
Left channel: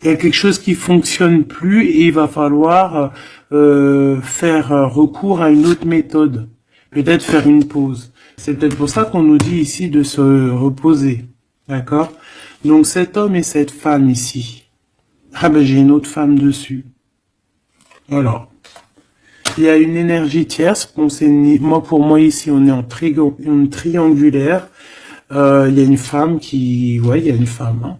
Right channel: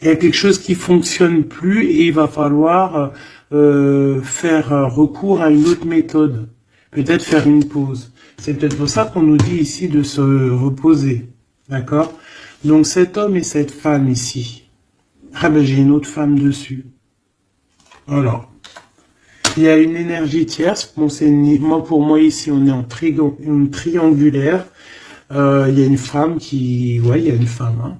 Il y a quelque chose qui fonctionne plus et il va falloir faire recours à une autre méthode. Peut-être faire une pause. C'est peut-être pour ça qu'on nous dit ici de se reposer. D'accord? Donc cet homme et cette femme ici. Ah ben j'ai une autre femme dessus. Alors. Il y a une énergie tierce. Bon, pour moi ici on est en triangulaire. Il y a une femme qui... Ouais, il y a une femme. Hein.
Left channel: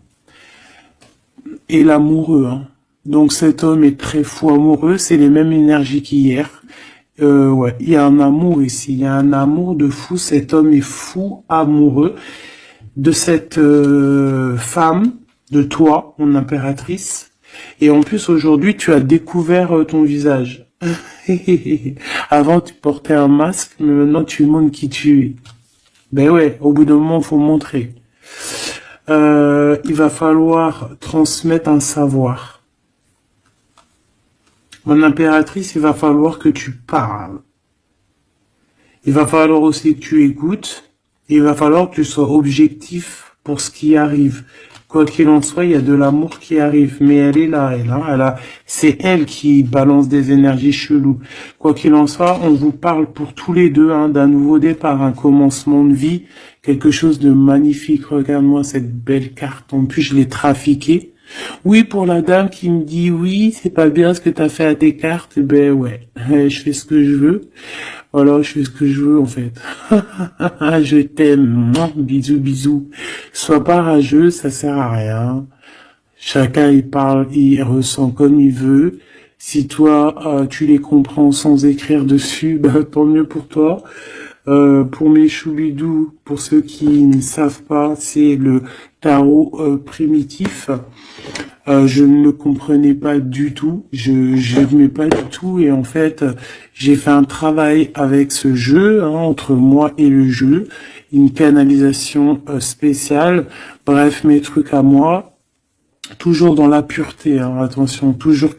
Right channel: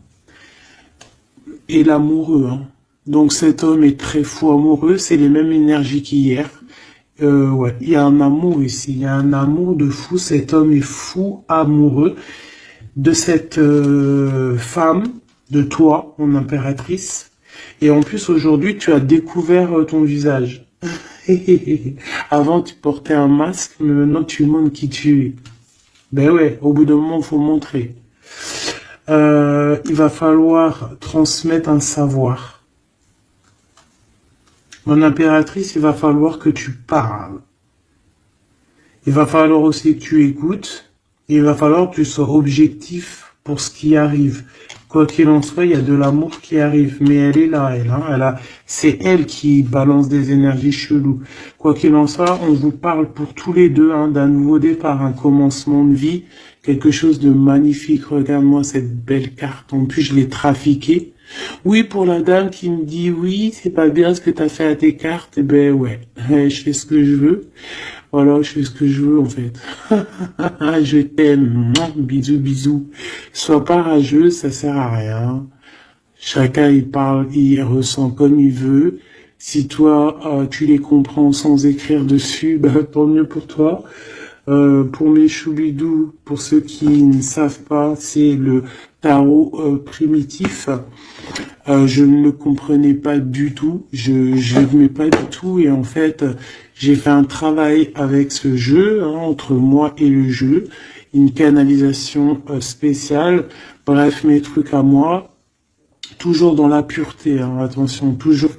Et l'amoureux. Hein. Donc cet homme est très fou amoureux. C'est les mêmes énergies qu'hier. Ouais, il y a un amour ici. Il y a un amour de fou. Cet homme est fou amoureux de cette femme, de toi, mon impératrice. Et en plus, aujourd'hui, tu as découvert ton visage. Avant, tu portais un masque, mais maintenant, tu montres qui tu es. Ben ouais, au bout d'un moment, il faut montrer. Il va falloir transmettre un savoir. Mon impératrice, il va falloir que tu parles. Il va falloir aussi que tu écoutes. Il va falloir que tu sois objectif pour ce qui arrive. Quoi qu'il en soit, il y a de l'amour qui arrive. Mais elle est là, c'est elle qui balance des énergies cheloues. Quoi qu'il en soit, on vous parle pour tous les deux d'un nouveau départ, un commencement de vie, quelque chose de magnifique. Regarde-moi cette belle carte. En plus, je l'ai trafiquée. Oui, pour la dame qui me dit oui, c'est pas bien ce que tu as fait à tes cartes, eh ben ouais, je fais ce que je veux. Voilà, je fais ce que je veux en fait. Je t'aime. Bisous, bisous. Sois pas rageux, ça sert à rien. Chacun il parle, il ressent comme il veut. Si toi tu les comprends sans écrire dessus, ben tant mieux pour toi. Pour mes choubidous, pour ceux qui ne savent pas, c'est le tarot primitif. Je ne le comprenais pas du tout, je n'aimais pas du tout, et en fait, j'ai fait un travail avec ce jeu, entre moi et le jeu, une canalisation spéciale, bref, mes trucs à moi, toujours dans la pureté, attention, toujours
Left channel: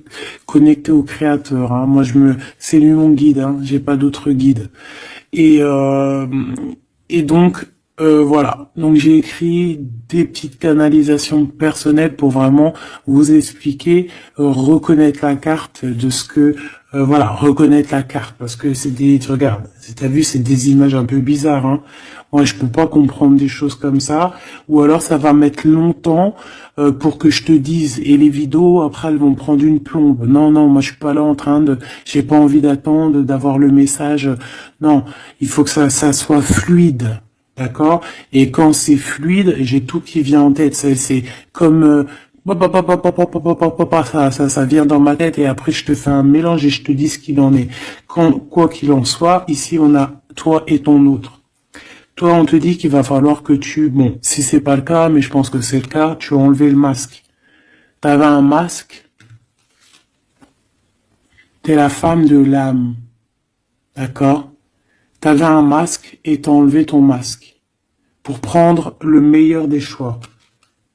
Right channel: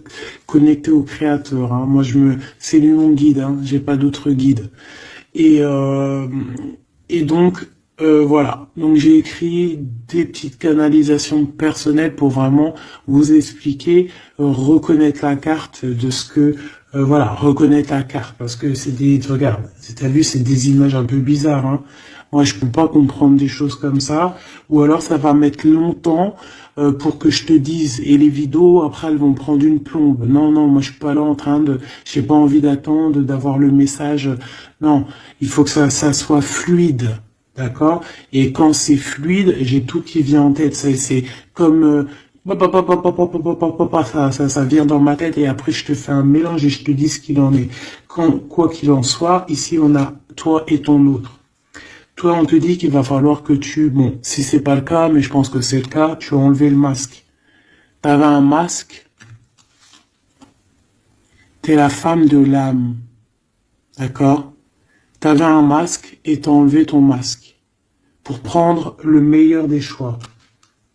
connecté au créateur, moi c'est lui mon guide, j'ai pas d'autre guide. Et donc, voilà. Donc, j'ai écrit des petites canalisations personnelles pour vraiment vous expliquer, reconnaître la carte de ce que, voilà, reconnaître la carte. Parce que regarde, t'as vu, c'est des images un peu bizarres, Moi, je peux pas comprendre des choses comme ça. Ou alors, ça va mettre longtemps pour que je te dise. Et les vidéos, après, elles vont prendre une plombe. Non, non, moi, je suis pas là en train de... J'ai pas envie d'attendre, d'avoir le message. Non, il faut que ça soit fluide. D'accord? Et quand c'est fluide, j'ai tout qui vient en tête. C'est comme... ça vient dans ma tête et après je te fais un mélange et je te dis ce qu'il en est. Quoi qu'il en soit, ici on a toi et ton autre. Toi, on te dit qu'il va falloir que bon, si c'est pas le cas, mais je pense que c'est le cas, tu as enlevé le masque. T'avais un masque, t'es la femme de l'âme. D'accord? T'avais un masque et t'as enlevé ton masque. Pour prendre le meilleur des choix.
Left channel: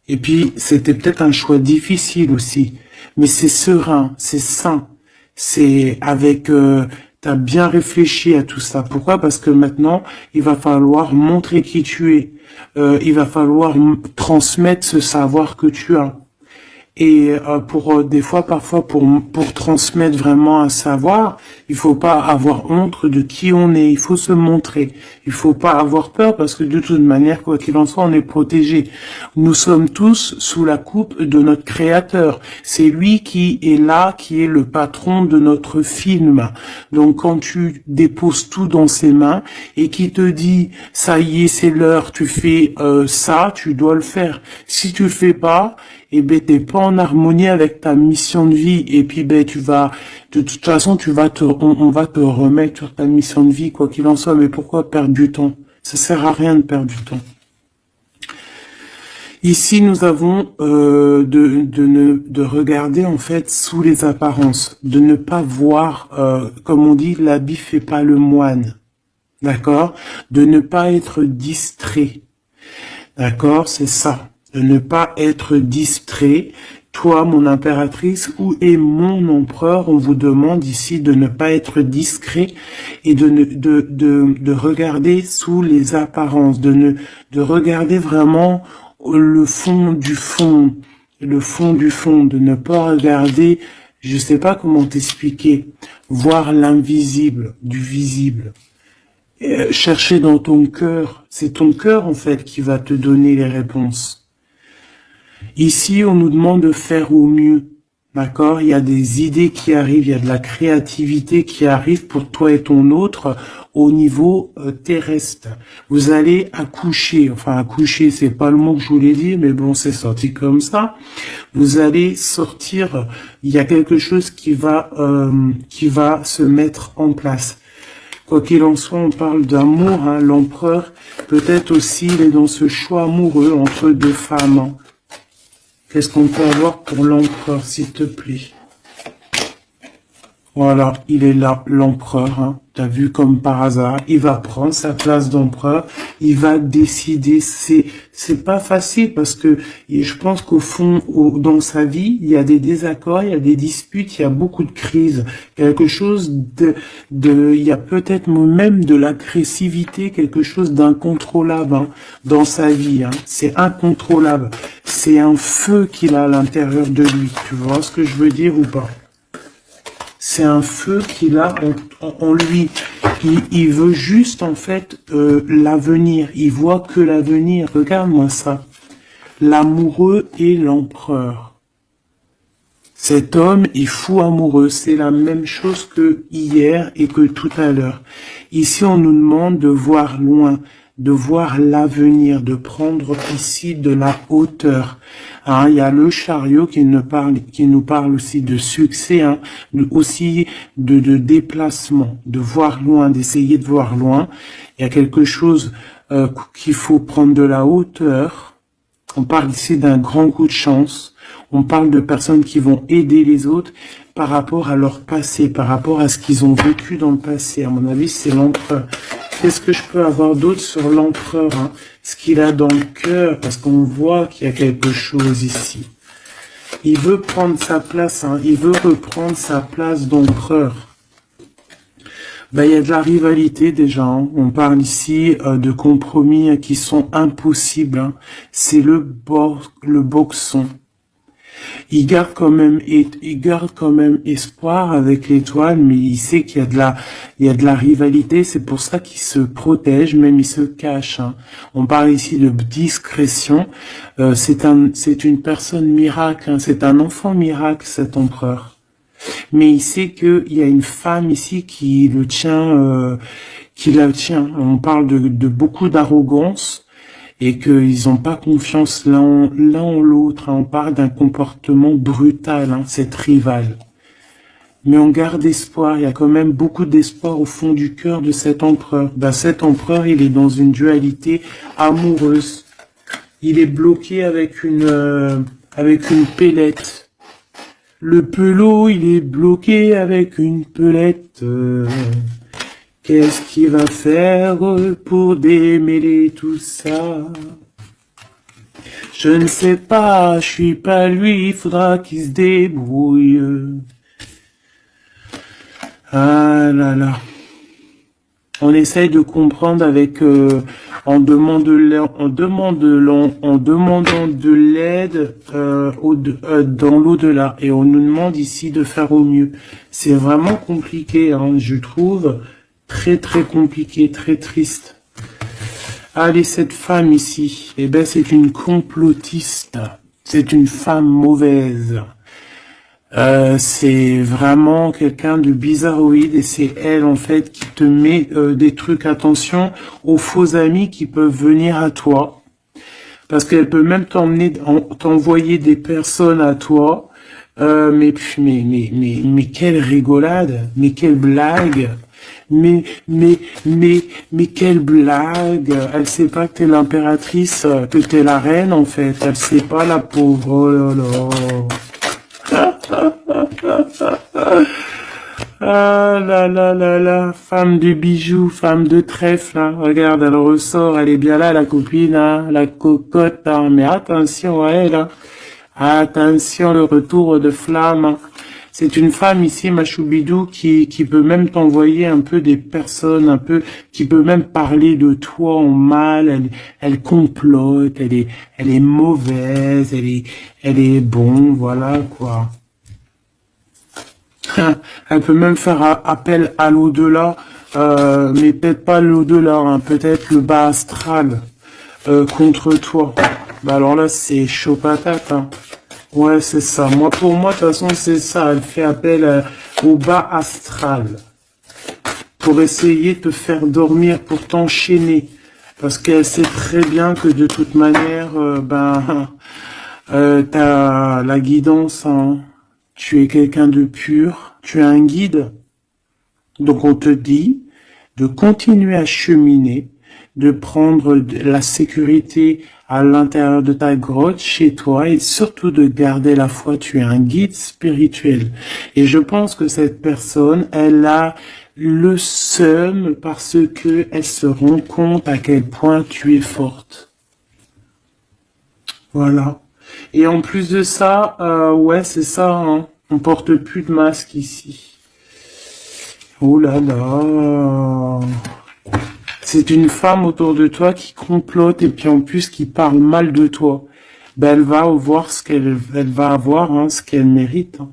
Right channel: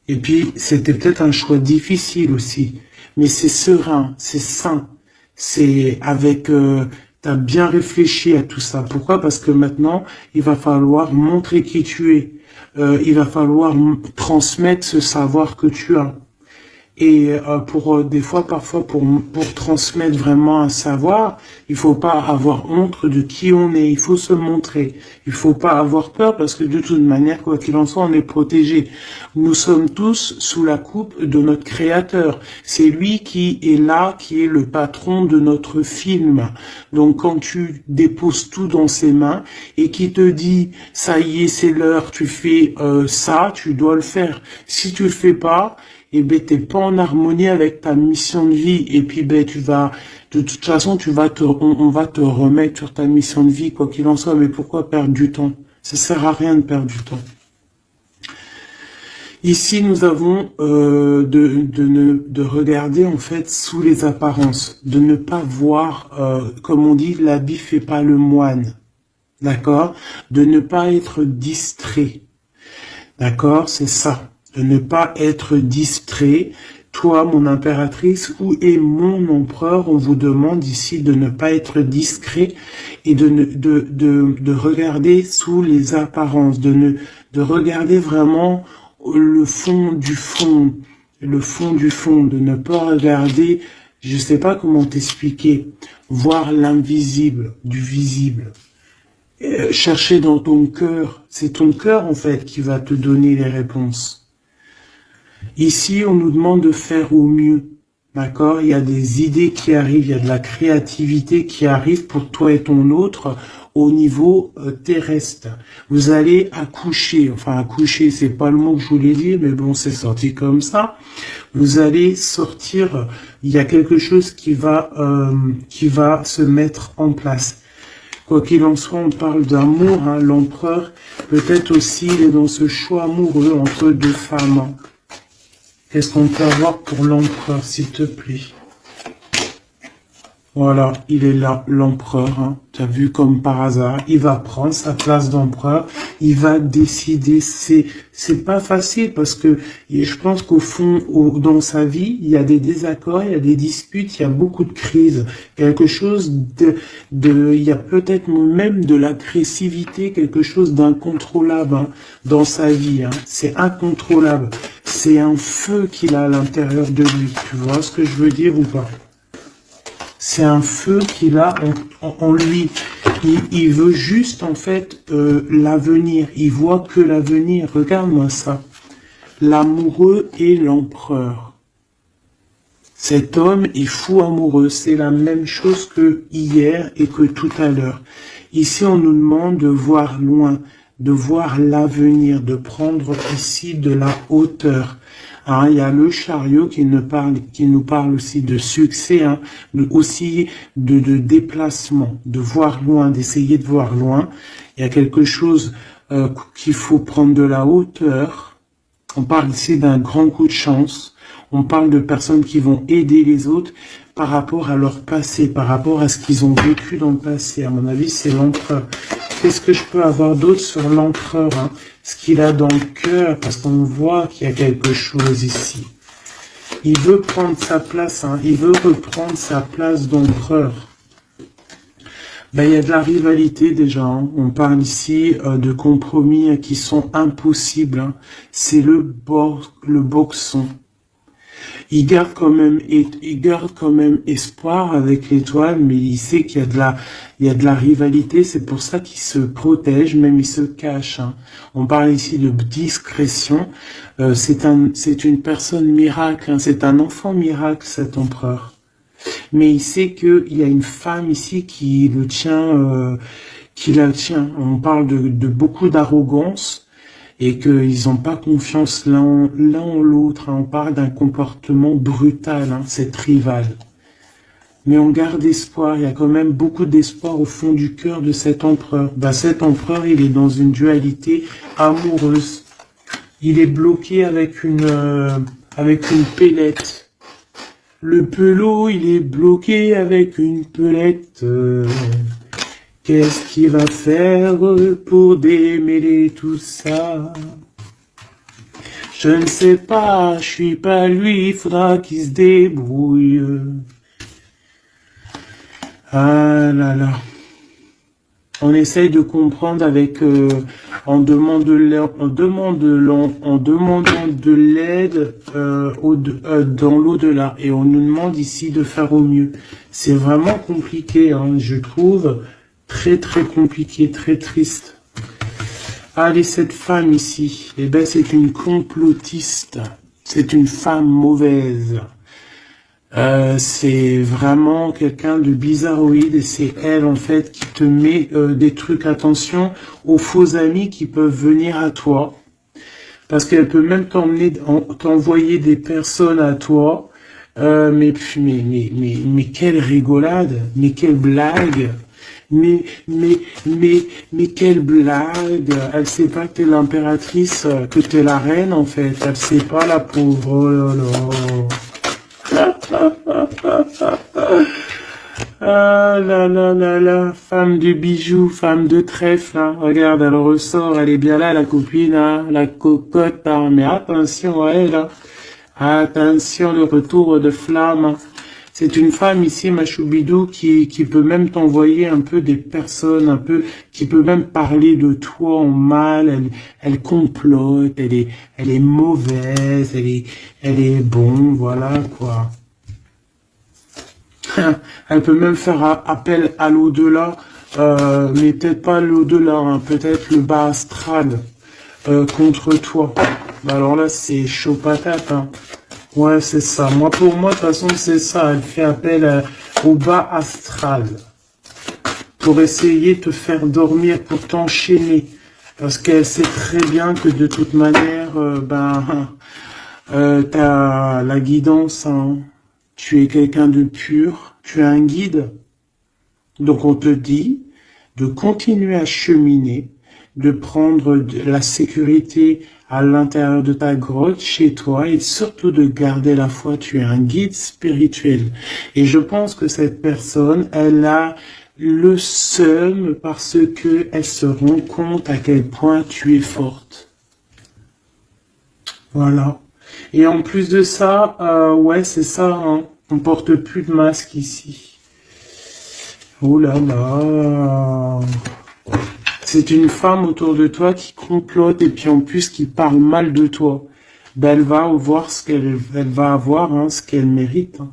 Et puis, c'était peut-être un choix difficile aussi. Mais c'est serein, c'est sain. C'est avec... t'as bien réfléchi à tout ça. Pourquoi? Parce que maintenant, il va falloir montrer qui tu es. Il va falloir transmettre ce savoir que tu as. Et des fois, parfois, pour transmettre vraiment un savoir, il faut pas avoir honte de qui on est. Il faut se montrer. Il faut pas avoir peur parce que de toute manière, quoi qu'il en soit, on est protégé. Nous sommes tous sous la coupe de notre Créateur. C'est lui qui est là, qui est le patron de notre film. Donc, quand tu déposes tout dans ses mains et qui te dit, ça y est, c'est l'heure, tu fais ça, tu dois le faire. Si tu le fais pas, eh ben t'es pas en harmonie avec ta mission de vie et puis de toute façon on va te remettre sur ta mission de vie quoi qu'il en soit. Mais pourquoi perdre du temps? Ça sert à rien de perdre du temps. Ici nous avons de regarder en fait sous les apparences, de ne pas voir comme on dit l'habit fait pas le moine, d'accord? De ne pas être distrait, d'accord? C'est ça. De ne pas être distrait. Toi, mon impératrice, où est mon empereur? On vous demande ici de ne pas être discret et de regarder sous les apparences, de regarder vraiment le fond du fond, de ne pas regarder, je sais pas comment t'expliquer, voir l'invisible du visible. Chercher dans ton cœur, c'est ton cœur en fait qui va te donner les réponses. Ici, on nous demande de faire au mieux, d'accord? Il y a des idées qui arrivent, il y a de la créativité qui arrive pour toi et ton autre au niveau terrestre. Vous allez accoucher, enfin accoucher, c'est pas le mot que je vous l'ai dit, mais bon, c'est sorti comme ça. Vous allez sortir, il y a quelque chose qui va se mettre en place. Quoi qu'il en soit, on parle d'amour, l'empereur, peut-être aussi dans ce choix amoureux entre deux femmes. Qu'est-ce qu'on peut avoir pour l'empereur, s'il te plaît? Voilà, il est là, l'empereur. T'as vu comme par hasard, il va prendre sa place d'empereur. il va décider. C'est pas facile parce que je pense qu'au fond, dans sa vie, il y a des désaccords, il y a des disputes, il y a beaucoup de crises. Quelque chose il y a peut-être même de l'agressivité, quelque chose d'incontrôlable hein, dans sa vie. Hein. C'est incontrôlable. C'est un feu qu'il a à l'intérieur de lui. Tu vois ce que je veux dire ou pas? C'est un feu qu'il a en lui. Il veut juste, en fait, l'avenir. Il voit que l'avenir. Regarde-moi ça. L'amoureux et l'empereur. Cet homme est fou amoureux. C'est la même chose que hier et que tout à l'heure. Ici, on nous demande de voir loin, de voir l'avenir, de prendre ici de la hauteur. Hein, il y a le chariot qui nous parle aussi de succès, hein, aussi de déplacement, de voir loin, d'essayer de voir loin. Il y a quelque chose qu'il faut prendre de la hauteur. On parle ici d'un grand coup de chance. On parle de personnes qui vont aider les autres par rapport à leur passé, par rapport à ce qu'ils ont vécu dans le passé. À mon avis, c'est l'empereur. Qu'est-ce que je peux avoir d'autre sur l'empereur hein? Ce qu'il a dans le cœur, parce qu'on voit qu'il y a quelque chose ici. Il veut prendre sa place, hein? Il veut reprendre sa place d'empereur. Ben, il y a de la rivalité déjà. Hein? On parle ici de compromis qui sont impossibles. Hein? C'est le boxon. Il garde quand même espoir avec l'étoile, mais il sait qu'il y a de la rivalité. C'est pour ça qu'il se protège, même il se cache. Hein. On parle ici de discrétion. C'est une personne miracle. Hein. C'est un enfant miracle, cet empereur. Mais il sait qu'il y a une femme ici qui le tient, qui la tient. On parle de beaucoup d'arrogance. Et qu'ils n'ont pas confiance l'un en l'autre. Hein. On parle d'un comportement brutal, hein, c'est rival. Mais on garde espoir, il y a quand même beaucoup d'espoir au fond du cœur de cet empereur. Ben, cet empereur, il est dans une dualité amoureuse. Il est bloqué avec une pellette. Le pelot, il est bloqué avec une pelette. Qu'est-ce qu'il va faire pour démêler tout ça? Je ne sais pas, je suis pas lui, il faudra qu'il se débrouille. Ah là là. On essaye de comprendre avec, en demandant de l'aide dans l'au-delà. Et on nous demande ici de faire au mieux. C'est vraiment compliqué, hein, je trouve. Très très compliqué, très triste. Allez, cette femme ici, eh ben c'est une complotiste. C'est une femme mauvaise. C'est vraiment quelqu'un de bizarroïde et c'est elle en fait qui te met des trucs. Attention aux faux amis qui peuvent venir à toi. Parce qu'elle peut même t'envoyer des personnes à toi. Mais quelle rigolade, mais quelle blague. Mais quelle blague! Elle sait pas que t'es l'impératrice, que t'es la reine, en fait. Elle sait pas, la pauvre. Oh là là. Ah là là là là. Femme de bijoux, femme de trèfle, hein. Regarde, elle ressort, elle est bien là, la copine, hein. La cocotte, hein. Mais attention à elle, hein. Attention, le retour de flamme, hein. C'est une femme ici, Machoubidou, qui peut même t'envoyer un peu des personnes, qui peut même parler de toi en mal, elle complote, elle est mauvaise, elle est bon, voilà, quoi. Elle peut même faire appel à l'au-delà, mais peut-être pas l'au-delà, hein, peut-être le bas astral, contre toi. Bah alors là, c'est chaud patate, hein. Ouais, c'est ça. Pour moi, de toute façon, c'est ça. Elle fait appel au bas astral pour essayer de te faire dormir, pour t'enchaîner. Parce qu'elle sait très bien que de toute manière, t'as la guidance. Hein. Tu es quelqu'un de pur. Tu es un guide. Donc, on te dit de continuer à cheminer, de prendre la sécurité à l'intérieur de ta grotte, chez toi, et surtout de garder la foi. Tu es un guide spirituel. Et je pense que cette personne, elle a le seum parce que elle se rend compte à quel point tu es forte. Voilà. Et en plus de ça, ouais, c'est ça, hein, on porte plus de masque ici. Oh là là. C'est une femme autour de toi qui complote et puis en plus qui parle mal de toi. Ben, elle va voir ce elle va avoir, hein, ce qu'elle mérite. Hein.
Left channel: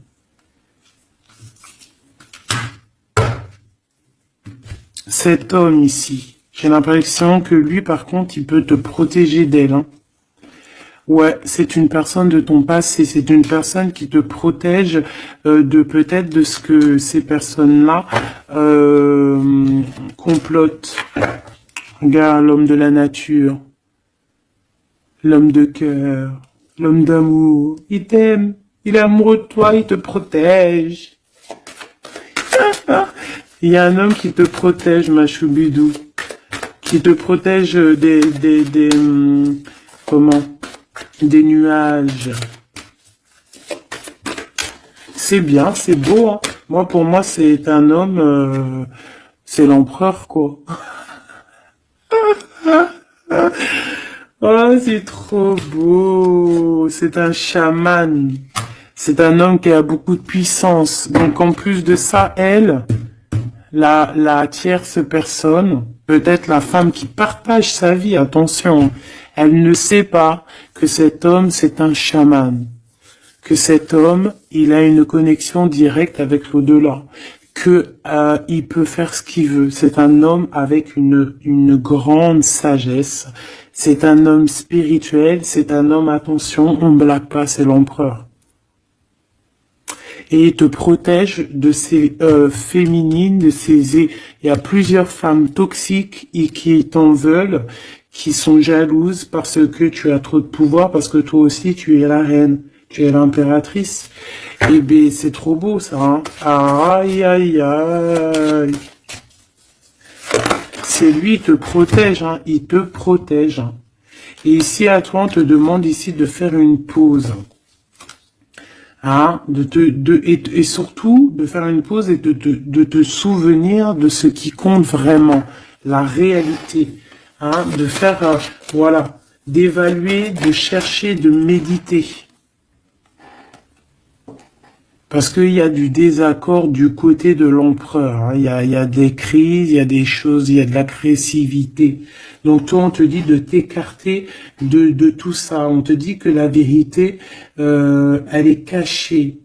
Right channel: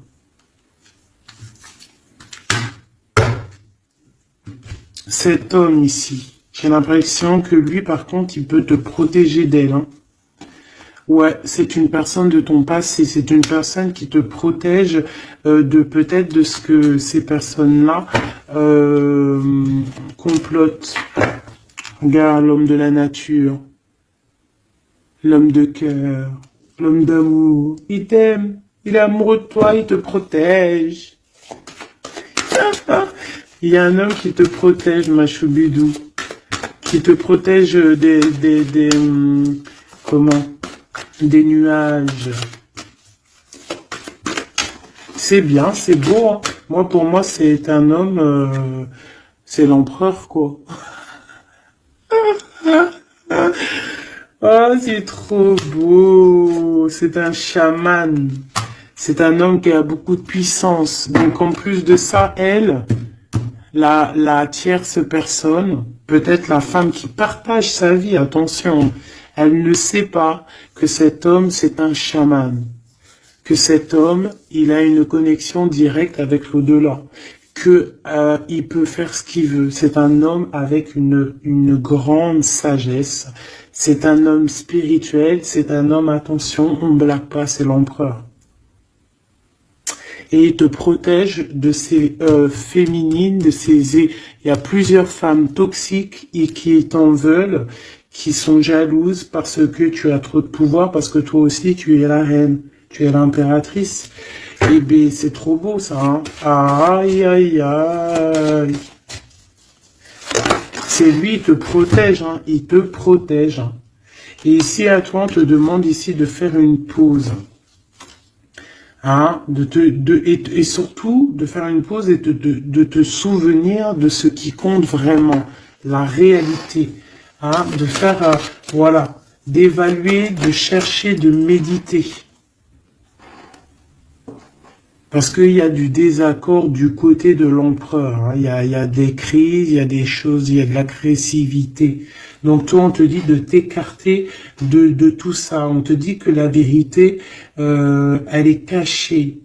Cet homme ici, j'ai l'impression que lui, par contre, il peut te protéger d'elle. Hein. Ouais, c'est une personne de ton passé, c'est une personne qui te protège de peut-être de ce que ces personnes-là complotent. Regarde l'homme de la nature, l'homme de cœur, l'homme d'amour. Il t'aime, il est amoureux de toi, il te protège. Il y a un homme qui te protège, ma choubidou, qui te protège comment? Des nuages. C'est bien, c'est beau. Hein. Moi, pour moi, c'est un homme, c'est l'empereur, quoi. Oh, c'est trop beau. C'est un chaman. C'est un homme qui a beaucoup de puissance. Donc, en plus de ça, elle, la tierce personne, peut-être la femme qui partage sa vie, attention, elle ne sait pas que cet homme, c'est un chaman. Que cet homme, il a une connexion directe avec l'au-delà. Que il peut faire ce qu'il veut. C'est un homme avec une grande sagesse. C'est un homme spirituel. C'est un homme, attention, on ne blague pas, c'est l'empereur. Et il te protège de ces féminines, de ces... Il y a plusieurs femmes toxiques et qui t'en veulent, qui sont jalouses parce que tu as trop de pouvoir, parce que toi aussi tu es la reine, tu es l'impératrice. Et ben c'est trop beau ça, hein. Aïe aïe aïe. C'est lui qui te protège, hein. Il te protège. Hein. Et ici à toi on te demande ici de faire une pause. Hein, et surtout de faire une pause et de te souvenir de ce qui compte vraiment, la réalité, hein, de faire, voilà, d'évaluer, de chercher, de méditer. Parce qu'il y a du désaccord du côté de l'empereur, hein. Il y a des crises, il y a des choses, il y a de l'agressivité. Donc toi, on te dit de t'écarter de tout ça. On te dit que la vérité, elle est cachée.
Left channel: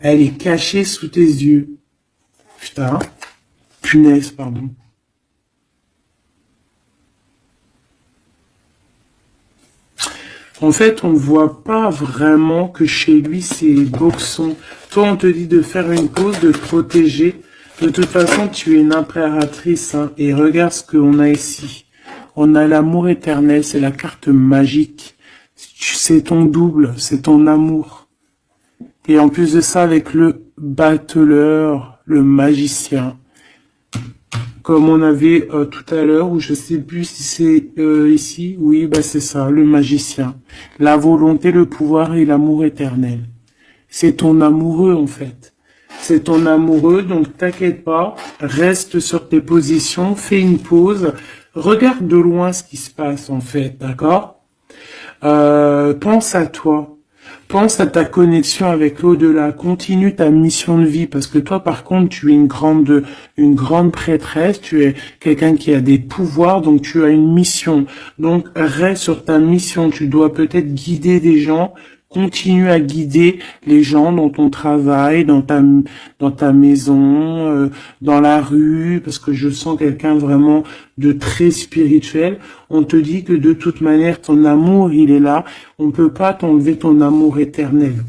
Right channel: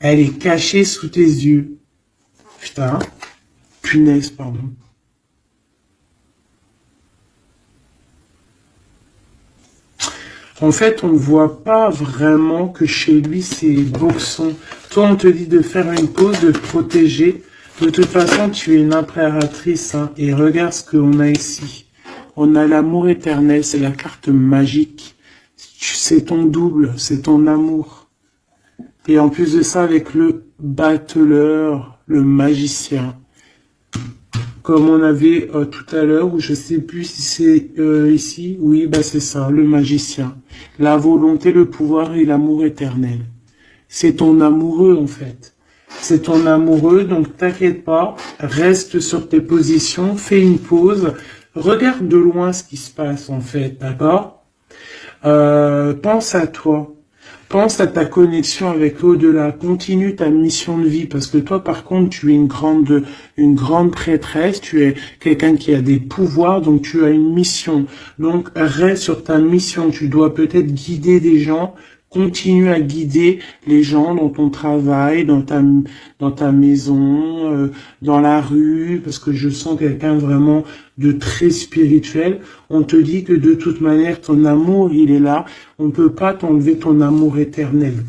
Elle est cachée sous tes yeux. Putain, punaise, pardon. En fait, on ne voit pas vraiment que chez lui, c'est boxon. Toi, on te dit de faire une pause, de te protéger. De toute façon, tu es une impératrice. Hein, et regarde ce qu'on a ici. On a l'amour éternel, c'est la carte magique. C'est ton double, c'est ton amour. Et en plus de ça, avec le battleur, le magicien. Comme on avait tout à l'heure, ou je sais plus si c'est ici, oui, bah c'est ça, le magicien. La volonté, le pouvoir et l'amour éternel. C'est ton amoureux en fait. C'est ton amoureux, donc t'inquiète pas, reste sur tes positions, fais une pause, regarde de loin ce qui se passe en fait, d'accord? Pense à toi. Pense à ta connexion avec l'au-delà. Continue ta mission de vie parce que toi, par contre, tu es une grande prêtresse. Tu es quelqu'un qui a des pouvoirs, donc tu as une mission. Donc reste sur ta mission. Tu dois peut-être guider des gens. Continue à guider les gens dans ton travail, dans ta maison, dans la rue, parce que je sens quelqu'un vraiment de très spirituel. On te dit que de toute manière, ton amour, il est là. On ne peut pas t'enlever ton amour éternel.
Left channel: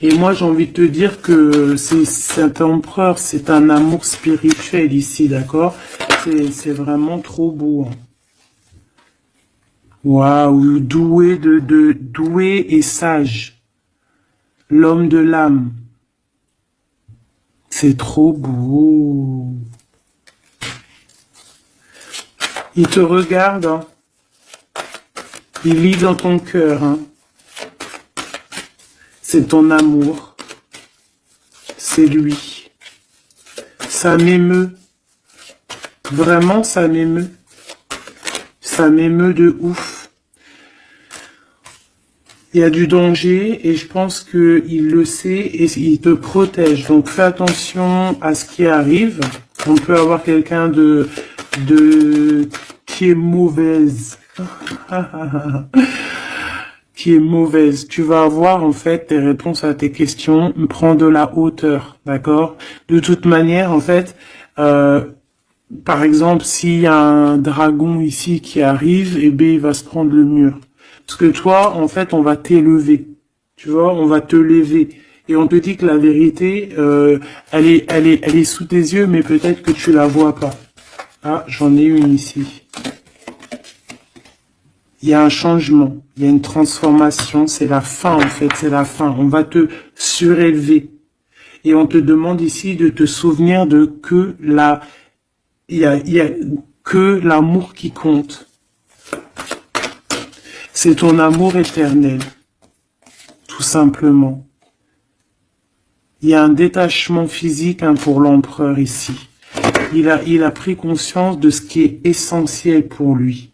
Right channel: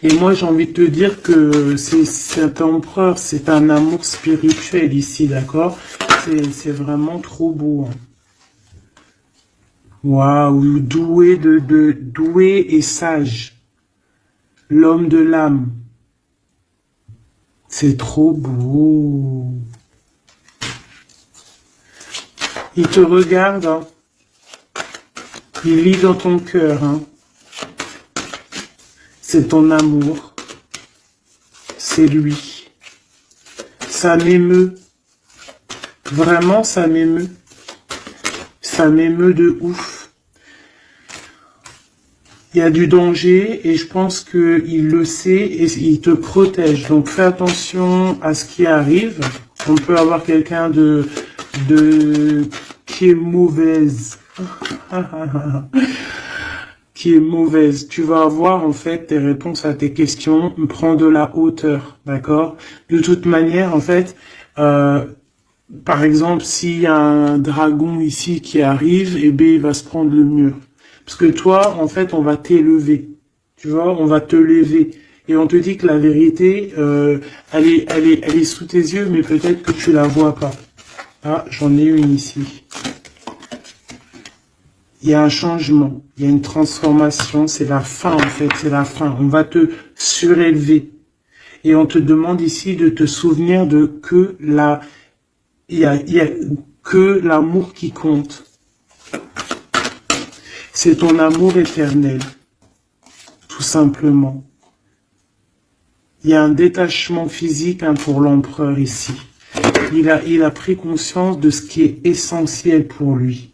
Et moi, j'ai envie de te dire que cet empereur, c'est un amour spirituel ici, d'accord? C'est vraiment trop beau. Hein. Waouh, doué et sage. L'homme de l'âme. C'est trop beau. Il te regarde, hein. Il vit dans ton cœur, hein. C'est ton amour. C'est lui. Ça m'émeut. Vraiment, ça m'émeut. Ça m'émeut de ouf. Il y a du danger et je pense qu'il le sait et il te protège. Donc fais attention à ce qui arrive. On peut avoir quelqu'un qui est mauvaise. Qui est mauvaise. Tu vas avoir en fait tes réponses à tes questions. Prends de la hauteur, d'accord? De toute manière, en fait, par exemple, s'il y a un dragon ici qui arrive, eh bien, il va se prendre le mur. Parce que toi, en fait, on va t'élever. Tu vois, on va te lever. Et on te dit que la vérité, elle est sous tes yeux, mais peut-être que tu la vois pas. Ah, j'en ai une ici. Il y a un changement, il y a une transformation, c'est la fin, en fait, c'est la fin. On va te surélever. Et on te demande ici de te souvenir de il y a que l'amour qui compte. C'est ton amour éternel, tout simplement. Il y a un détachement physique pour l'empereur ici. Il a pris conscience de ce qui est essentiel pour lui.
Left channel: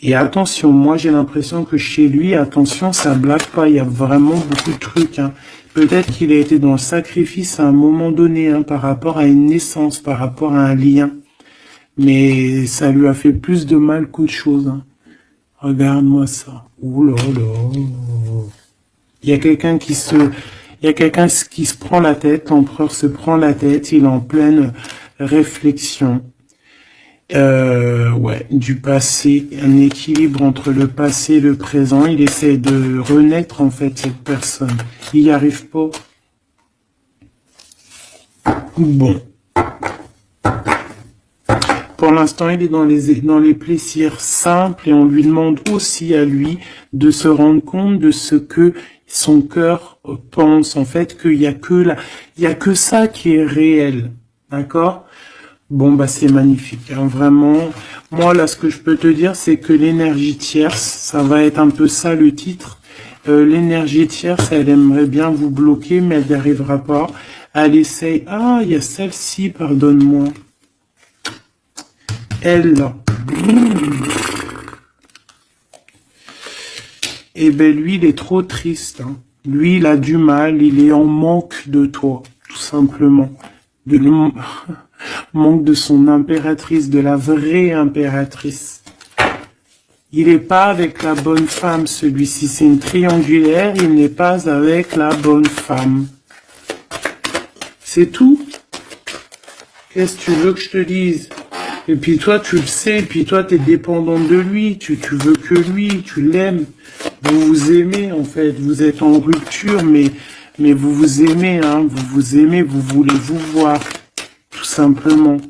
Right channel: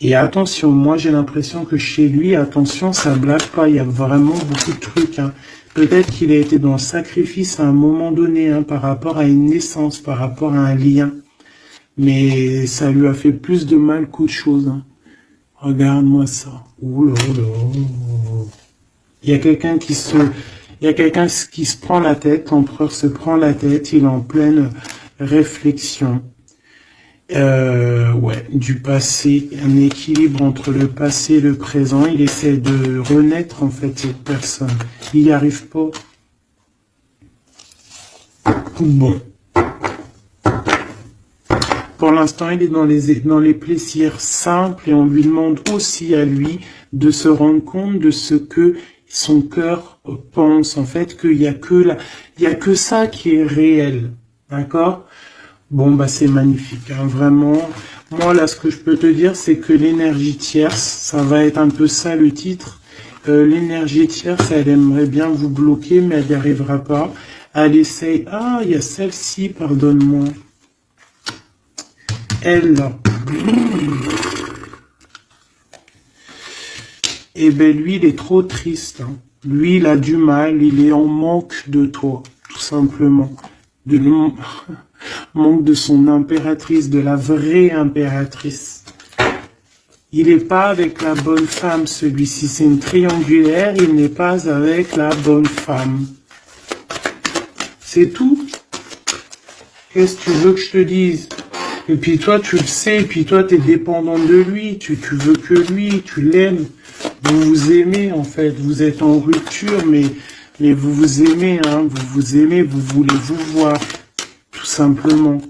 Et attention, moi j'ai l'impression que chez lui, attention, ça blague pas, il y a vraiment beaucoup de trucs. Peut-être qu'il a été dans le sacrifice à un moment donné, par rapport à une naissance, par rapport à un lien. Mais ça lui a fait plus de mal qu'autre chose. Regarde-moi ça. Oh là là. Il y a quelqu'un qui se prend la tête, l'empereur se prend la tête, il est en pleine réflexion. Ouais, du passé, un équilibre entre le passé et le présent. Il essaie de renaître, en fait, cette personne. Il n'y arrive pas. Bon. Pour l'instant, il est dans les plaisirs simples et on lui demande aussi à lui de se rendre compte de ce que son cœur pense. En fait, qu'il y a que ça qui est réel. D'accord? Bon, bah, c'est magnifique, vraiment. Moi, là, ce que je peux te dire, c'est que l'énergie tierce, ça va être un peu ça le titre. L'énergie tierce, elle aimerait bien vous bloquer, mais elle n'y arrivera pas. Elle essaie... Ah, il y a celle-ci, pardonne-moi. Elle, là. Eh ben, lui, il est trop triste. Lui, il a du mal, il est en manque de toi, tout simplement. Manque de son impératrice, de la vraie impératrice. Il n'est pas avec la bonne femme, celui-ci. C'est une triangulaire, il n'est pas avec la bonne femme. C'est tout. Qu'est-ce que tu veux que je te dise? Et puis toi, tu le sais, et puis toi, tu es dépendant de lui, tu veux que lui, tu l'aimes. Vous vous aimez, en fait, vous êtes en rupture, mais vous vous aimez, vous vous aimez, vous voulez vous voir, tout simplement.